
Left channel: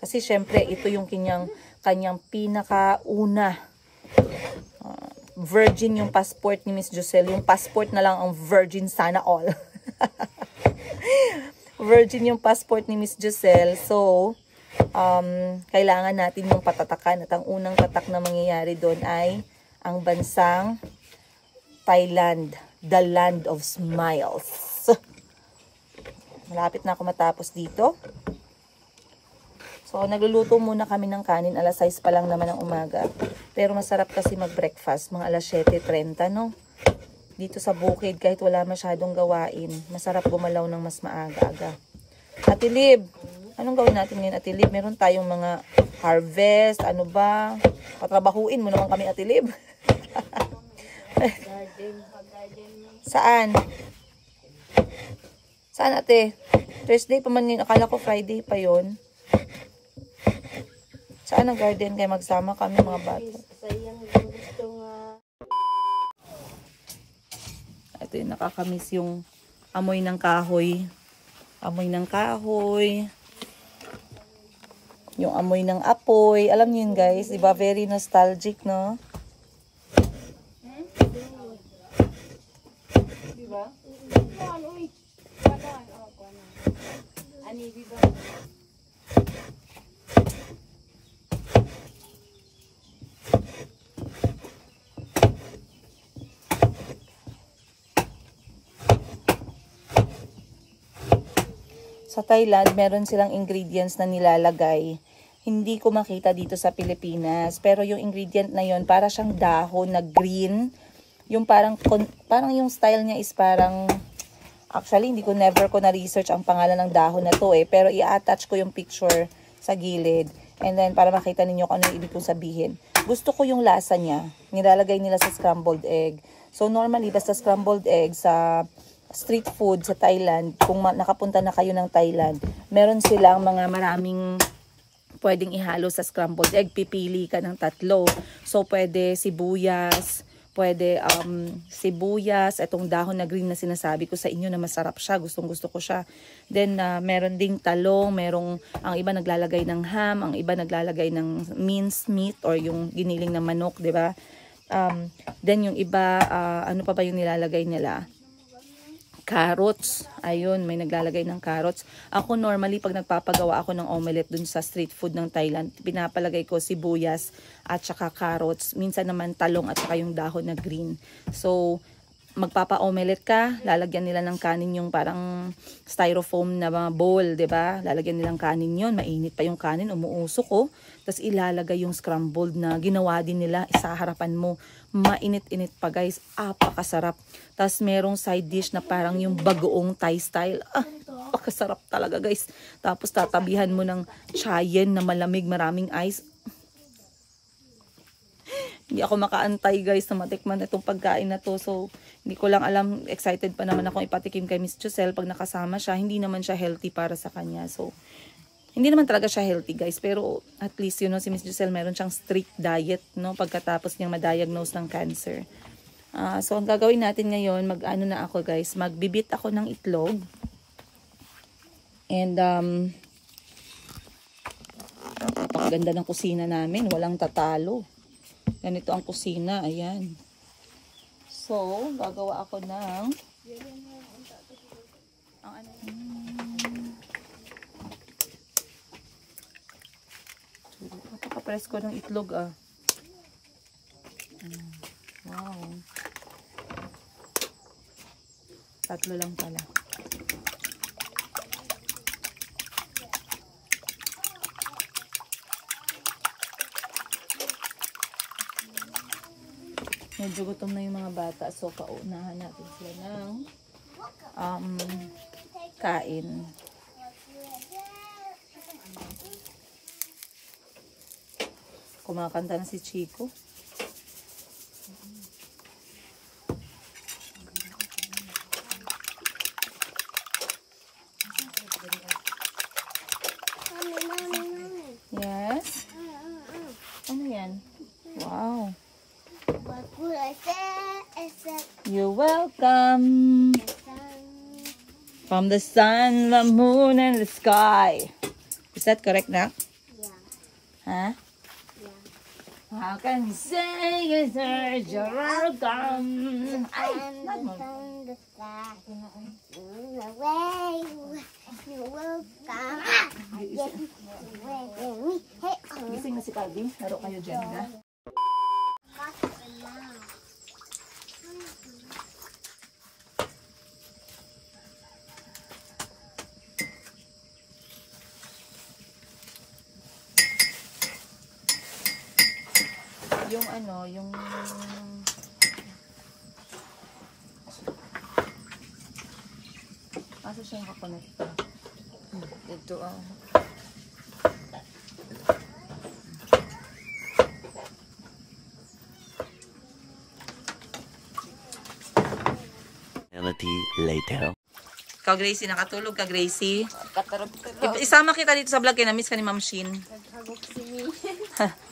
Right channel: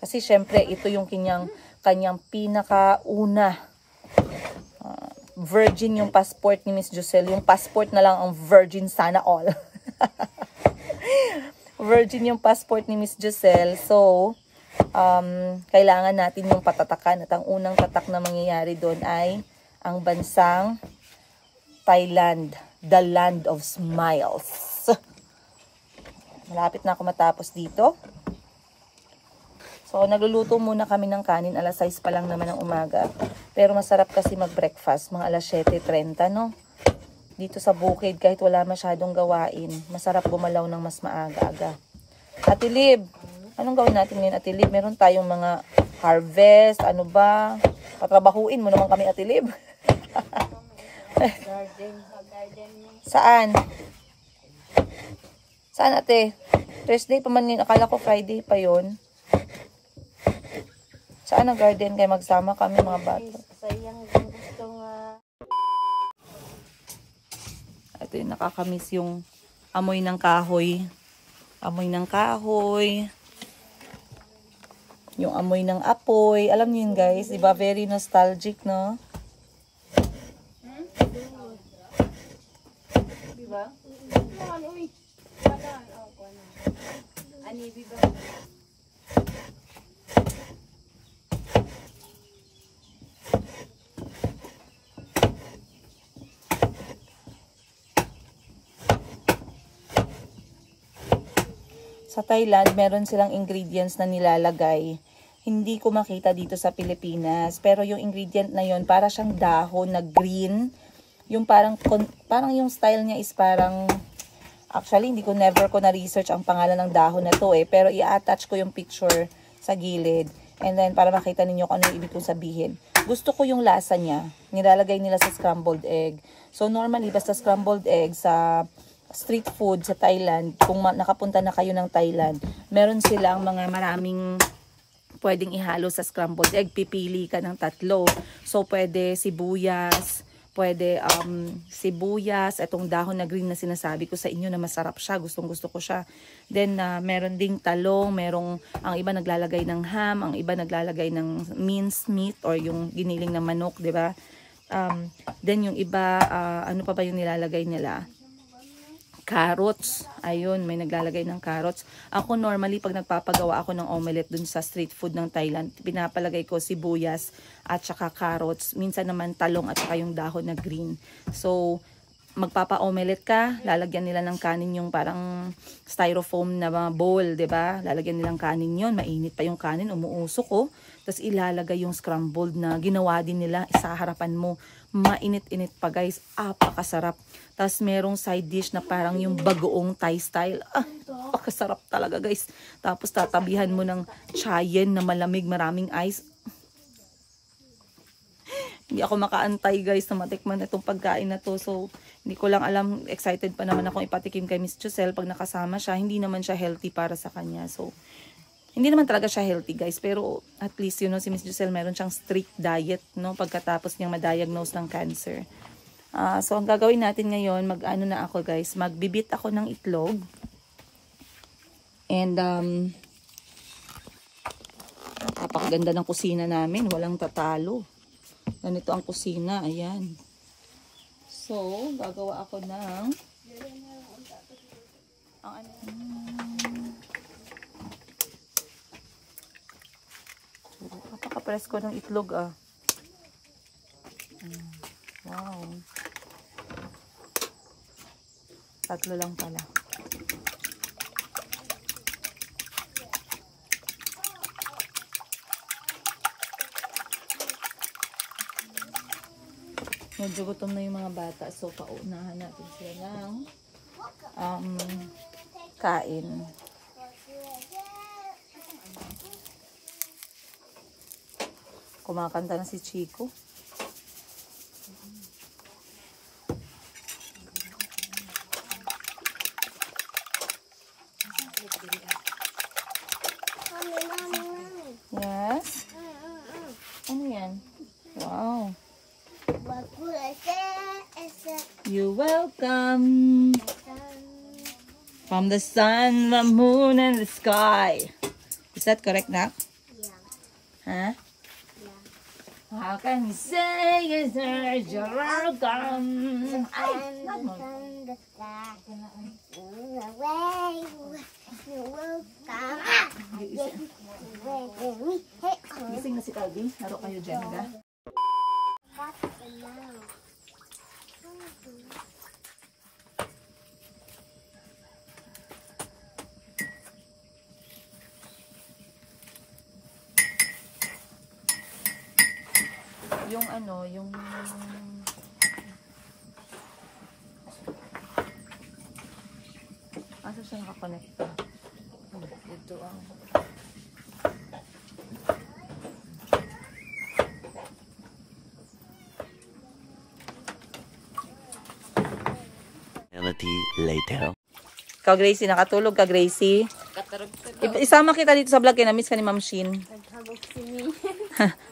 Kasi, syempre, ito yung kanyang pinakauna. Virgin yung passport ni Miss Joselle. Yung passport na lang ang virgin sana all. Virgin yung passport ni Miss Joselle. So, kailangan natin yung patatakan. At ang unang tatak na mangyayari doon ay ang bansang Thailand. The land of smiles. Malapit na ako matapos dito. So, nagluluto muna kami ng kanin. Alas 6 pa lang naman ng umaga. Pero masarap kasi mag-breakfast. Mga alas 7:30, no? Dito sa bukid, kahit wala masyadong gawain, masarap gumalaw ng mas maaga-aga. Ate Lib, anong gawin natin ngayon, Ate Lib? Meron tayong mga harvest, ano ba? Patrabahuin mo naman kami, Ate Lib. Saan? Saan, Ate? Thursday pa man yun. Akala ko Friday pa yun. Saan ang garden? Kaya magsama kami mga bata. Sayang yung gusto nga. Ito yung nakakamiss yung amoy ng kahoy. Amoy ng kahoy. Yung amoy ng apoy. Alam niyo yun guys, diba? Very nostalgic, no? Diba? Sa Thailand, meron silang ingredients na nilalagay. Hindi ko makita dito sa Pilipinas. Pero yung ingredient na yon para siyang dahon na green. Yung parang yung style niya is parang, actually, never ko na-research ang pangalan ng dahon na to eh. Pero i-attach ko yung picture sa gilid. And then, para makita ninyo kung ano yung ibig kong sabihin. Gusto ko yung lasa niya. Nilalagay nila sa scrambled egg. So, normally, basta scrambled egg sa street food sa Thailand, kung nakapunta na kayo ng Thailand, meron silang mga maraming pwedeng ihalo sa scrambled egg. Pipili ka ng 3. So, pwede sibuyas, itong dahon na green na sinasabi ko sa inyo na masarap siya. Gustong-gusto ko siya. Then, meron ding talong, ang iba naglalagay ng ham, ang iba naglalagay ng minced meat or yung giniling na manok, di ba? Then, yung iba, ano pa ba yung nilalagay nila? Carrots. Ayun, may naglalagay ng carrots. Ako normally, pag nagpapagawa ako ng omelette dun sa street food ng Thailand, pinapalagay ko sibuyas at saka carrots. Minsan naman talong at saka yung dahon na green. So, magpapa-omelette ka, lalagyan nila ng kanin yung parang styrofoam na bowl, 'di ba? Lalagyan nilang kanin 'yon, mainit pa yung kanin, umuusok ko. Tapos ilalagay yung scrambled na ginawa din nila sa harapan mo. Mainit-init pa, guys. Apakasarap. Tapos merong side dish na parang yung bagoong Thai style. Pakasarap talaga, guys. Tapos tatabihan mo ng chayen na malamig, maraming ice. Hindi ako makaantay, guys, na matikman itong pagkain na to. So, hindi ko lang alam, excited pa naman akong ipatikim kay Miss Giselle pag nakasama siya. Hindi naman siya healthy para sa kanya. So, hindi naman talaga siya healthy, guys. Pero at least, si Miss Giselle meron siyang strict diet, no? Pagkatapos niyang ma-diagnose ng cancer. So, ang gagawin natin ngayon, mag-ano na ako, guys. Magbibit ako ng itlog. And, napakaganda ng kusina namin. Walang tatalo. Ganito ang kusina. Ayan. So, gagawa ako ng napaka-presko ng itlog, Wow. 3 lang pala. Medyo gutom na yung mga bata. So, paunahan natin sila ng kain. Kumakanta na si Chico. Yes? Ano yan? Wow. What would I say? You're welcome. From the sun, the moon, and the sky. Is that correct, Nak? Yeah. Huh? Yeah. How can you say you're welcome? And the sun, the sky, the way you're welcome. Gising na si Calvin. Laro kayo dyan, ha? Yung ano, yung asa siya nakakonekta? Ito ang later. Ikaw, Gracie, nakatulog ka, Gracie? Isama kita dito sa vlog kaya na-miss ka ni Ma'am Shin.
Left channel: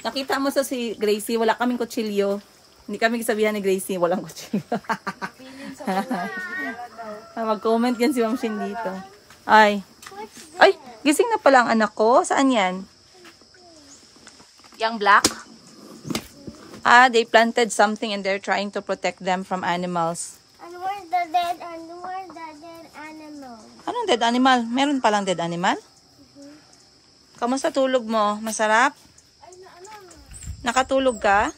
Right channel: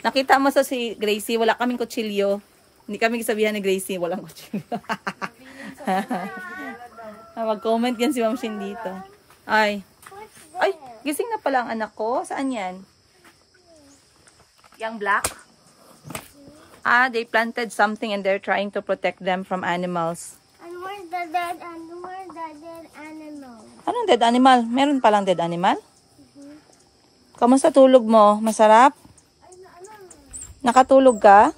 Nakita mo si Gracie, wala kaming kutsilyo. Hindi kami sabihan ni Gracie, walang kutsilyo. Mag-comment yan si Ma'am Shin dito. Ay, gising na pala ang anak ko. Saan yan? Yung black? Ah, they planted something and they're trying to protect them from animals. And where's the dead animal? Anong dead animal? Meron palang dead animal? Kamusta tulog mo? Masarap? Nakatulog ka?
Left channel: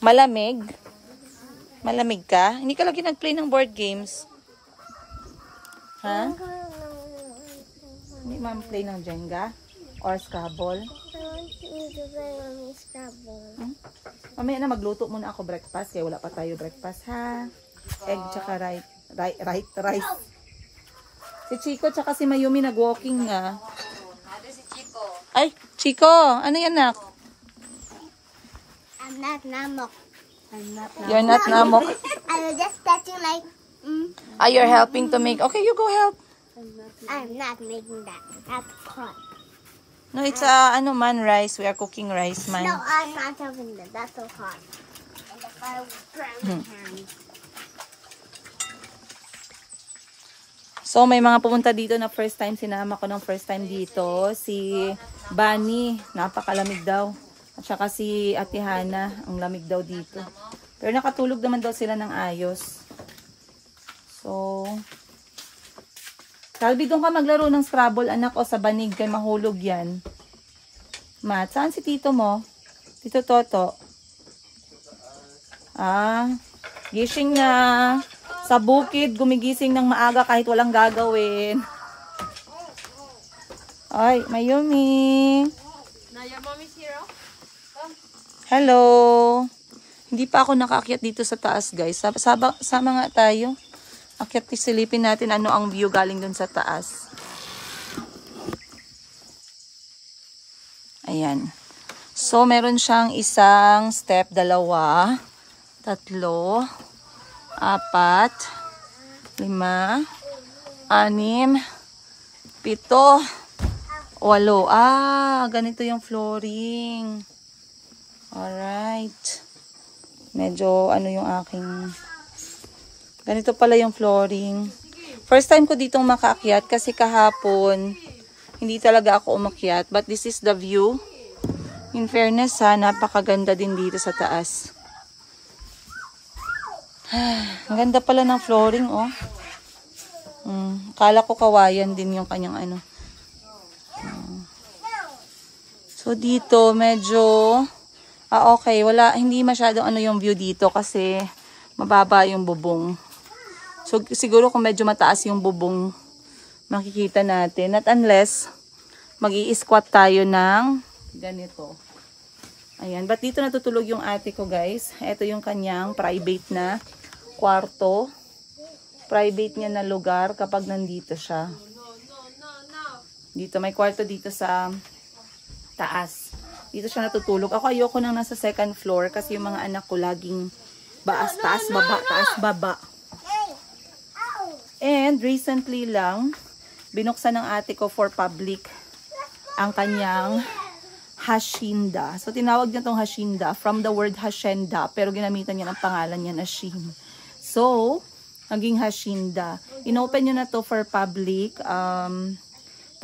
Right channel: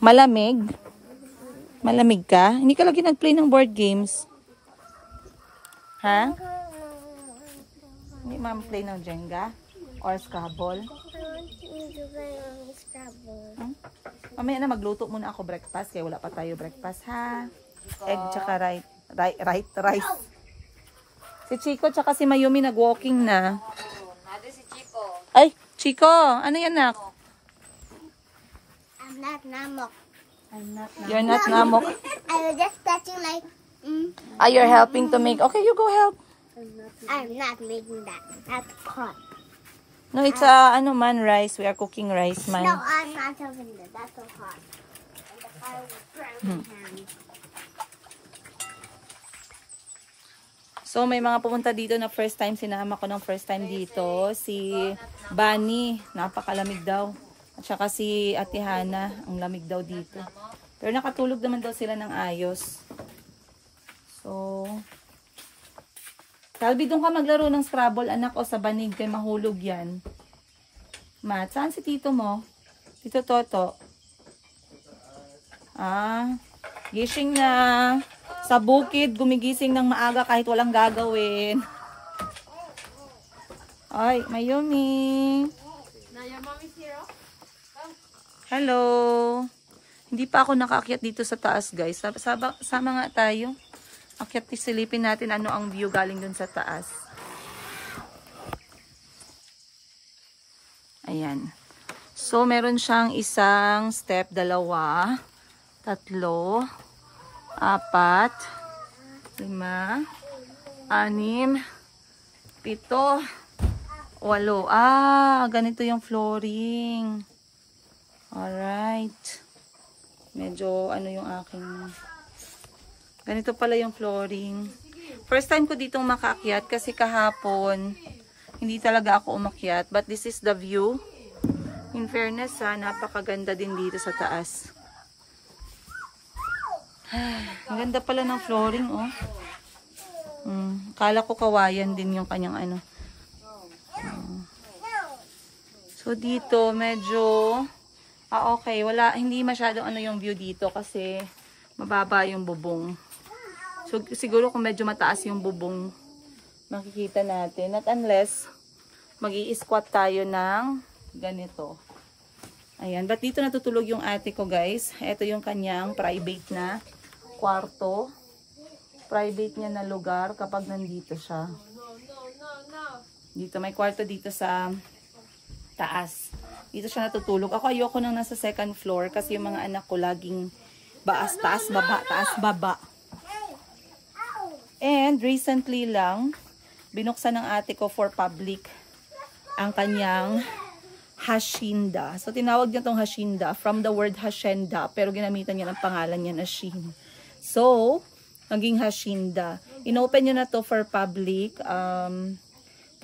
Malamig? Malamig ka? Hindi ka lagi nag-play ng board games? Ha? Hindi ma-play ng Jenga? Or Scrabble? Mamaya na magluto muna ako breakfast kaya wala pa tayo breakfast ha. Egg tsaka rice. Si Chico tsaka si Mayumi nag-walking na. Ay, Chico, ano yan nak? I'm not Namok. You're not Namok. I was just touching like. Ah, you're helping to make. Okay, you go help. I'm not making that. That's hot. No, it's rice. We are cooking rice, man. No, I'm not having that. That's so hot. So, may mga pumunta dito na first time. Sinama ko ng first time dito. Si Bunny, napakalamig daw. At saka si Ate Hana, ang lamig daw dito. Pero nakatulog naman daw sila ng ayos. So, Calvi, doon ka maglaro ng Scrabble, anak, o sa banig, kay mahulog yan. Mat, saan si tito mo? Tito Toto. Ah, gising na. Sa bukid, gumigising ng maaga kahit walang gagawin. Ay, Mayumi. Hello. Hindi pa ako nakaakyat dito sa taas, guys. Sama nga tayo. Akyat, silipin natin ano ang view galing dun sa taas. Ayan. So, meron siyang isang step, 2, 3, 4, 5, 6, 7, 8, 8. Ah, ganito yung flooring. Alright. Medyo ano yung aking... Ganito pala yung flooring. First time ko ditong makaakyat kasi kahapon hindi talaga ako umakyat. But this is the view. In fairness ha, napakaganda din dito sa taas. Ang ganda pala ng flooring oh. Kala ko kawayan din yung kanyang ano. So dito medyo okay, hindi masyadong ano yung view dito kasi mababa yung bubong. So, siguro kung medyo mataas yung bubong, makikita natin. At unless, mag-i-squat tayo ng ganito. Ayan. But dito natutulog yung ate ko, guys. Ito yung kanyang private na kwarto. Private niya na lugar kapag nandito siya. Dito, may kwarto dito sa taas. Dito siya natutulog. Ako ayoko nang nasa second floor kasi yung mga anak ko laging baas, taas, baba, taas, baba. And recently lang, binuksan ng ate ko for public ang kanyang hacienda. So, tinawag niya tong hacienda from the word hacienda, pero ginamitan niya ng pangalan niya na Shin. So, naging hacienda. Inopen niyo na to for public.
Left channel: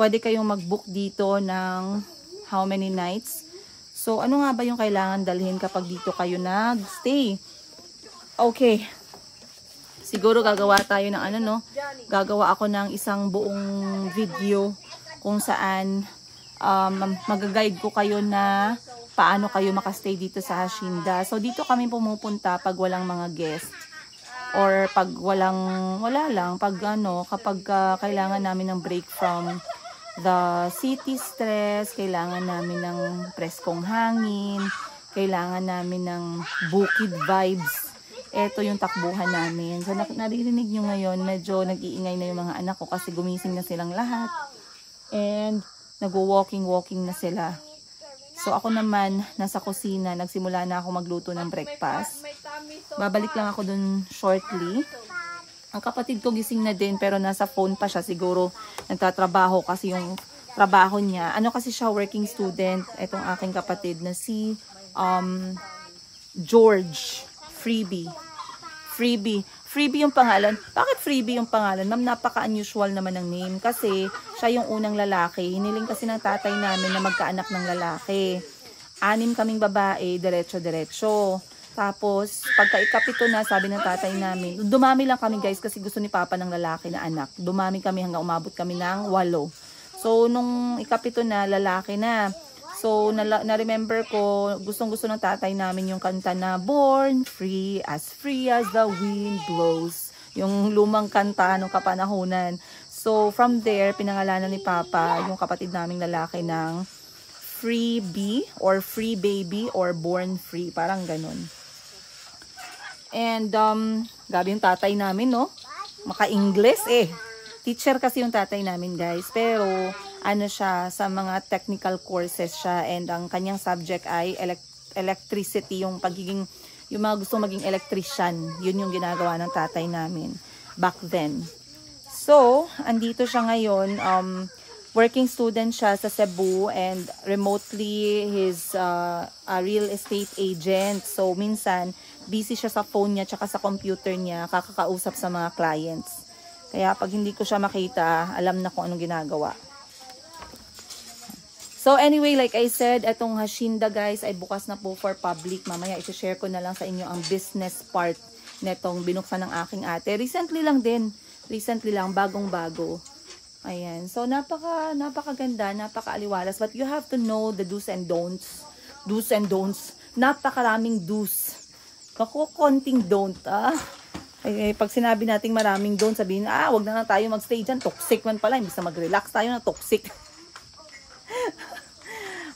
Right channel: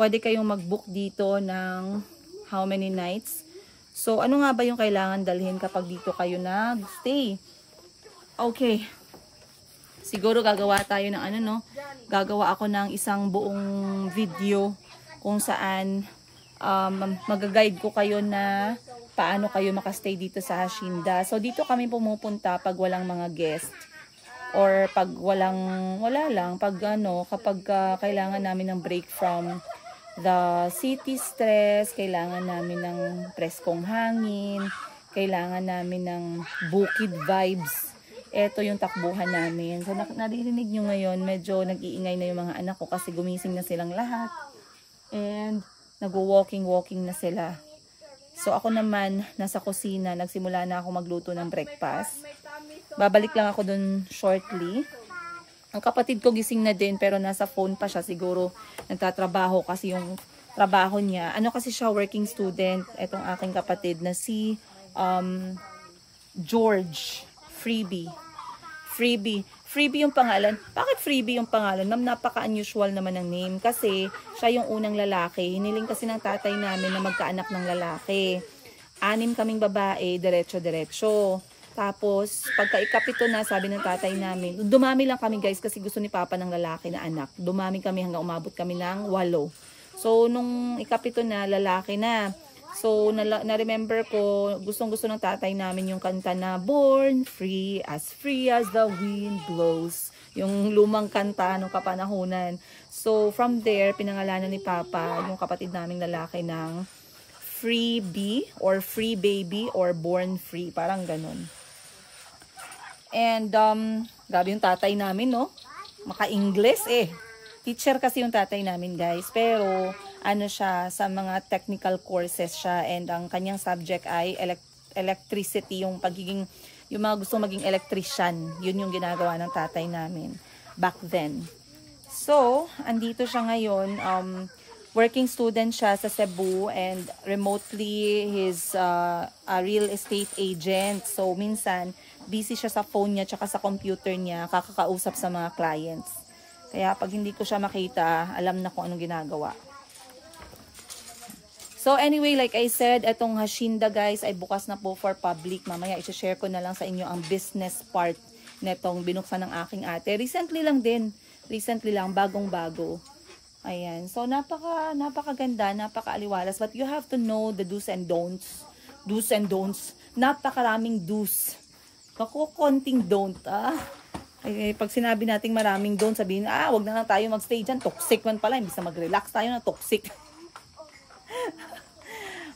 Pwede kayong mag-book dito ng how many nights. So, ano nga ba yung kailangan dalhin kapag dito kayo nag-stay? Okay. Siguro gagawa tayo ng ano no. Gagawa ako ng isang buong video kung saan mag-guide ko kayo na paano kayo makastay dito sa hacienda. So dito kami pumupunta pag walang mga guest or pag wala lang pag kapag kailangan namin ng break from the city stress, kailangan namin ng preskong hangin, kailangan namin ng bukid vibes. Ito yung takbuhan namin. So, naririnig nyo ngayon, medyo nag-iingay na yung mga anak ko kasi gumising na silang lahat. And, nag-walking na sila. So, ako naman, nasa kusina, nagsimula na ako magluto ng breakfast. Babalik lang ako dun shortly. Ang kapatid ko gising na din, pero nasa phone pa siya. Siguro, nagtatrabaho kasi yung trabaho niya. Ano kasi siya, working student. Etong aking kapatid na si George Freebie. Freebie yung pangalan. Bakit Freebie yung pangalan? Ma'am, napaka-unusual naman ng name kasi siya yung unang lalaki. Hiniling kasi ng tatay namin na magkaanak ng lalaki. 6 kaming babae, diretso-diretso. Tapos, pagka ikapito na, sabi ng tatay namin, dumami lang kami guys kasi gusto ni Papa ng lalaki na anak. Dumami kami hanggang umabot kami ng 8. So, nung ikapito na, lalaki na. So, na-remember ko, gustong-gusto ng tatay namin yung kanta na Born free as the wind blows. Yung lumang kanta nung kapanahunan. So, from there, pinangalanan ni Papa yung kapatid naming lalaki ng Freebie or Free Baby or Born Free. Parang ganun. And, gabi yung tatay namin, no? Maka-Ingles eh. Teacher kasi yung tatay namin guys, pero ano siya, sa mga technical courses siya and ang kanyang subject ay electricity, yung mga gusto maging electrician. Yun yung ginagawa ng tatay namin back then. So, andito siya ngayon, working student siya sa Cebu and remotely he's a real estate agent. So, minsan busy siya sa phone niya tsaka sa computer niya, kakakausap sa mga clients. Kaya pag hindi ko siya makita, alam na kung anong ginagawa. So anyway, like I said, itong Hacienda guys ay bukas na po for public. Mamaya i-share ko na lang sa inyo ang business part netong binuksan ng aking ate. Recently lang din. Recently lang, bagong-bago. Ayan. So napakaganda, napakaaliwalas. But you have to know the do's and don'ts. Do's and don'ts. Napakaraming do's. Naku, konting don't Ay, pag sinabi nating maraming don't, sabihin, wag na lang tayo magstay dyan. Toxic man pala. Imbis na mag-relax tayo na toxic.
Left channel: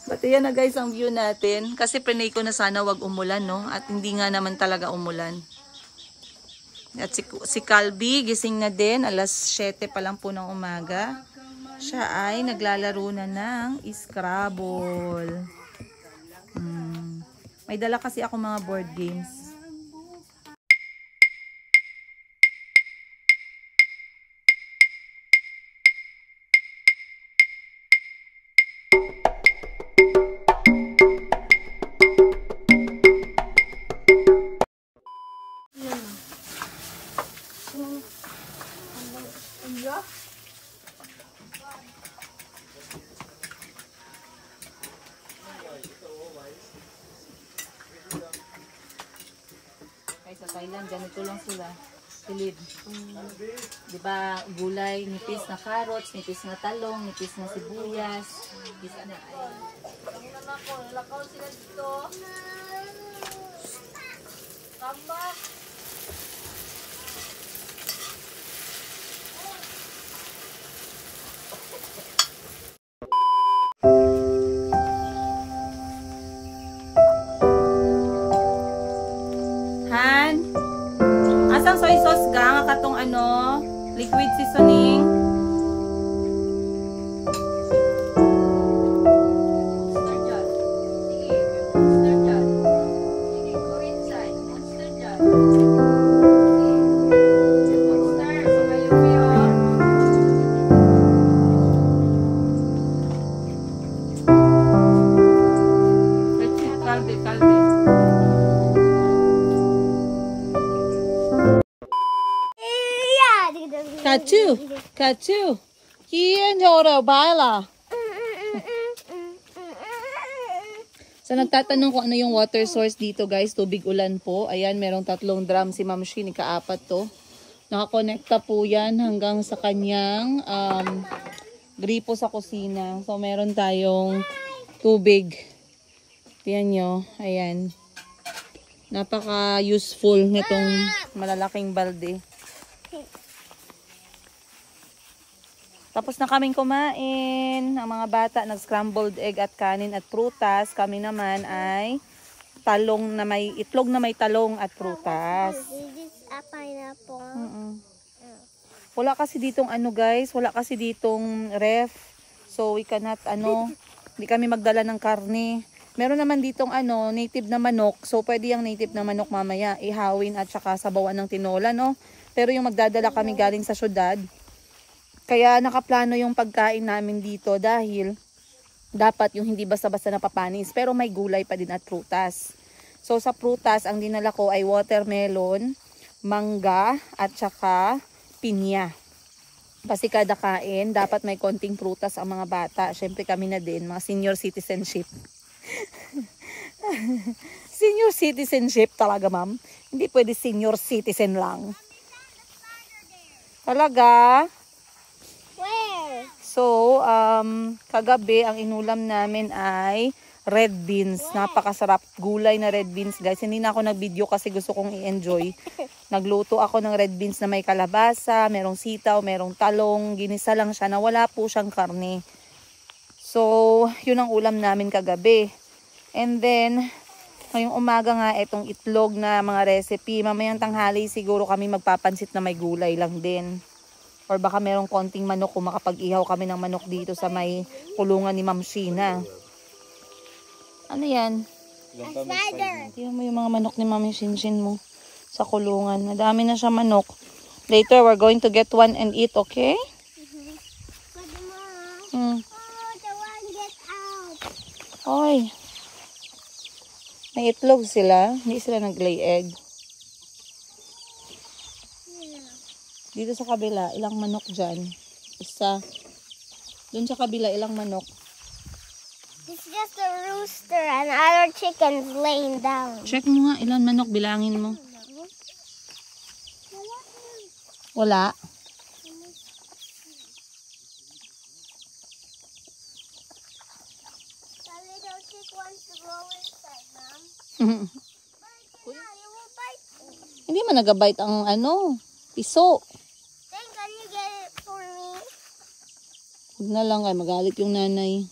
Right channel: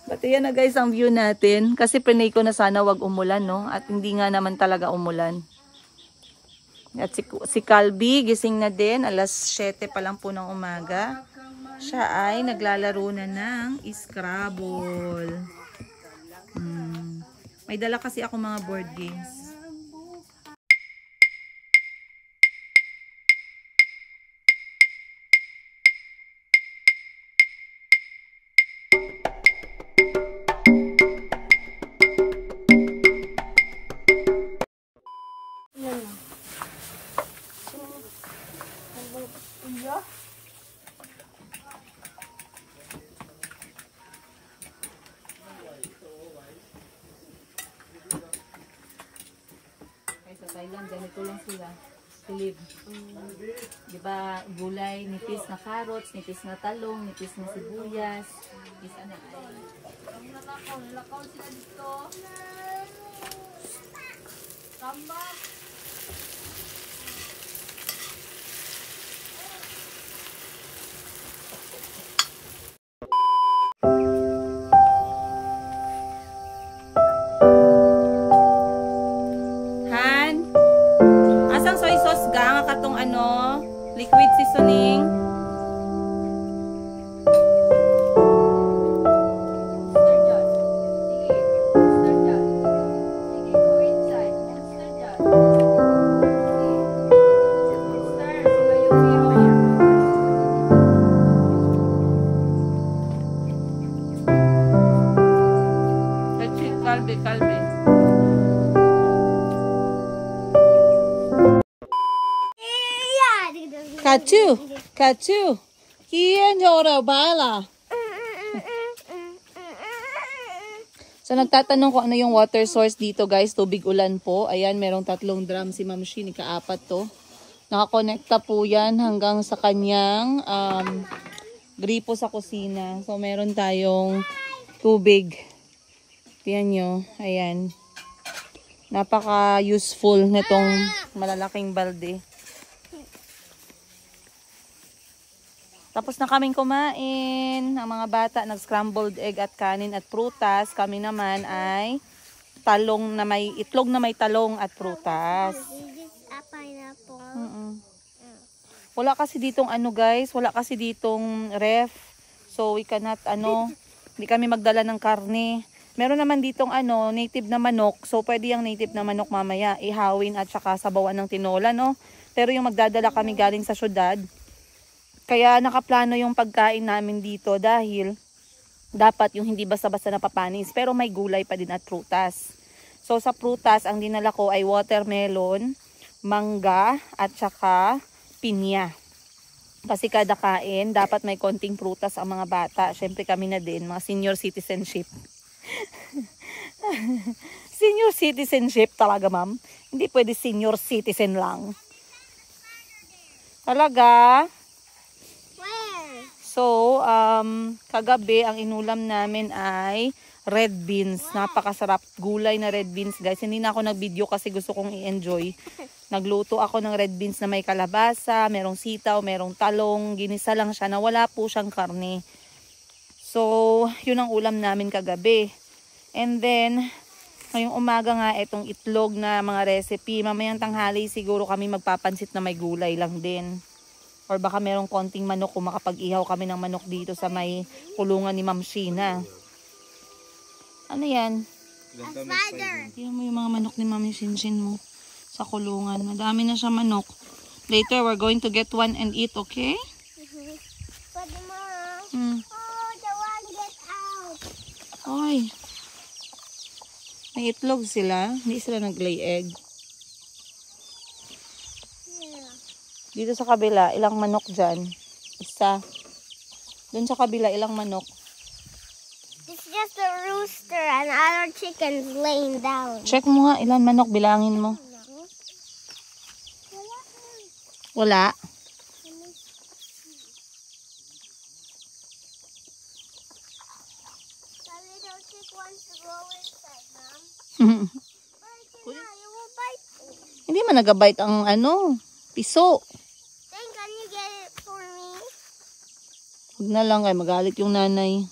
But ayan na guys ang view natin. Kasi prinay ko na sana wag umulan, no? At hindi nga naman talaga umulan. At si Calby, gising na din. Alas 7 pa lang po ng umaga. Siya ay naglalaro na ng Scrabble. May dala kasi ako mga board games. Sa Thailand, ganito lang sila. Silid. Diba, gulay, nipis na carrots, nipis na talong, nipis na sibuyas. Isa na ay. Lakaw sila dito. Tama. Asang soy sauce ga nga katong liquid seasoning. Kalbe. Katu. Hien horo bala. So nagtatanong ko ano yung water source dito guys, tubig ulan po. Ayan, merong 3 drum si Ma'am Shi, ika-4 to. Nakakonekta po yan hanggang sa kanyang gripo sa kusina. So meron tayong tubig. Tingnan nyo, ayan. Napaka-useful nitong malalaking balde. Tapos na kaming kumain. Ang mga bata nag-scrambled egg at kanin at prutas. Kami naman ay talong na may itlog na may talong at prutas. This is a pineapple. Wala kasi ditong guys, wala kasi ditong ref. So we cannot hindi kami magdala ng karne. Meron naman ditong native na manok. So pwede yung native na manok mamaya ihawin at saka sabawan ng tinola, no? Pero yung magdadala kami galing sa syudad. Kaya nakaplano yung pagkain namin dito dahil dapat yung hindi basta-basta napapanis. Pero may gulay pa din at prutas. So sa prutas, ang dinala ko ay watermelon, mangga at saka pinya. Kasi kada kain, dapat may konting prutas ang mga bata. Syempre kami na din, mga senior citizenship. Senior citizenship talaga, ma'am. Hindi pwede senior citizen lang. Talaga? Where? So, kagabi ang inulam namin ay red beans. Napakasarap. Gulay na red beans, guys. Hindi na ako nag-video kasi gusto kong i-enjoy. Nagluto ako ng red beans na may kalabasa, merong sitaw, merong talong. Ginisa lang siya na wala po siyang karne. So, yun ang ulam namin kagabi. And then, ngayong umaga nga, itong itlog na mga recipe. Mamayang tanghali siguro kami magpapansit na may gulay lang din. Or baka merong konting manok kung makapag-ihaw kami ng manok dito sa may kulungan ni Ma'am Sheena. Ano yan? Spider. Tingnan mo yung mga manok ni Ma'am Shinshin mo sa kulungan. Madami na siya manok. Later, we're going to get one and eat, okay? Pwede mo. Hmm. Oh, the one get out. Oy. May itlog sila. Hindi sila nag-lay egg. Yeah. Dito sa kabila, ilang manok dyan? Isa. Doon sa kabila, ilang manok? It's just a rooster and other chickens laying down. Check mo nga, ilang manok, bilangin mo. Wala. The little chick wants to go inside, Mom. But you will bite me. Hindi man nagabite ang piso. Then can you get it for me? Huwag na lang kay magalit yung nanay.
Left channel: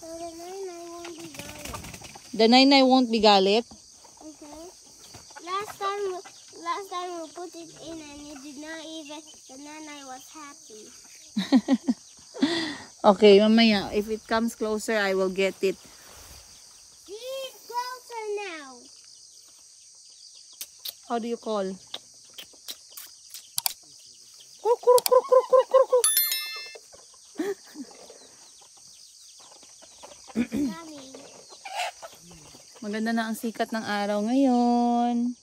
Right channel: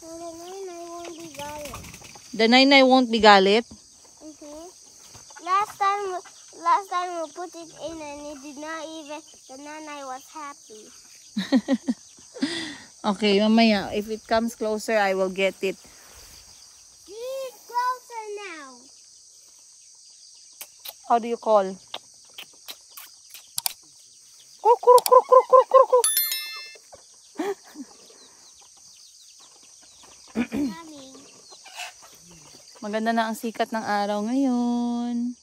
So the nine won't be galit. The nanay won't be galit? Okay. Last time we put it in and it did not even, the nanay was happy. Okay, mamaya, if it comes closer, I will get it. He's closer now. How do you call? Kuruk, kuruk, kuruk, kuruk, kuruk, kuruk. Coming. Maganda na ang sikat ng araw ngayon.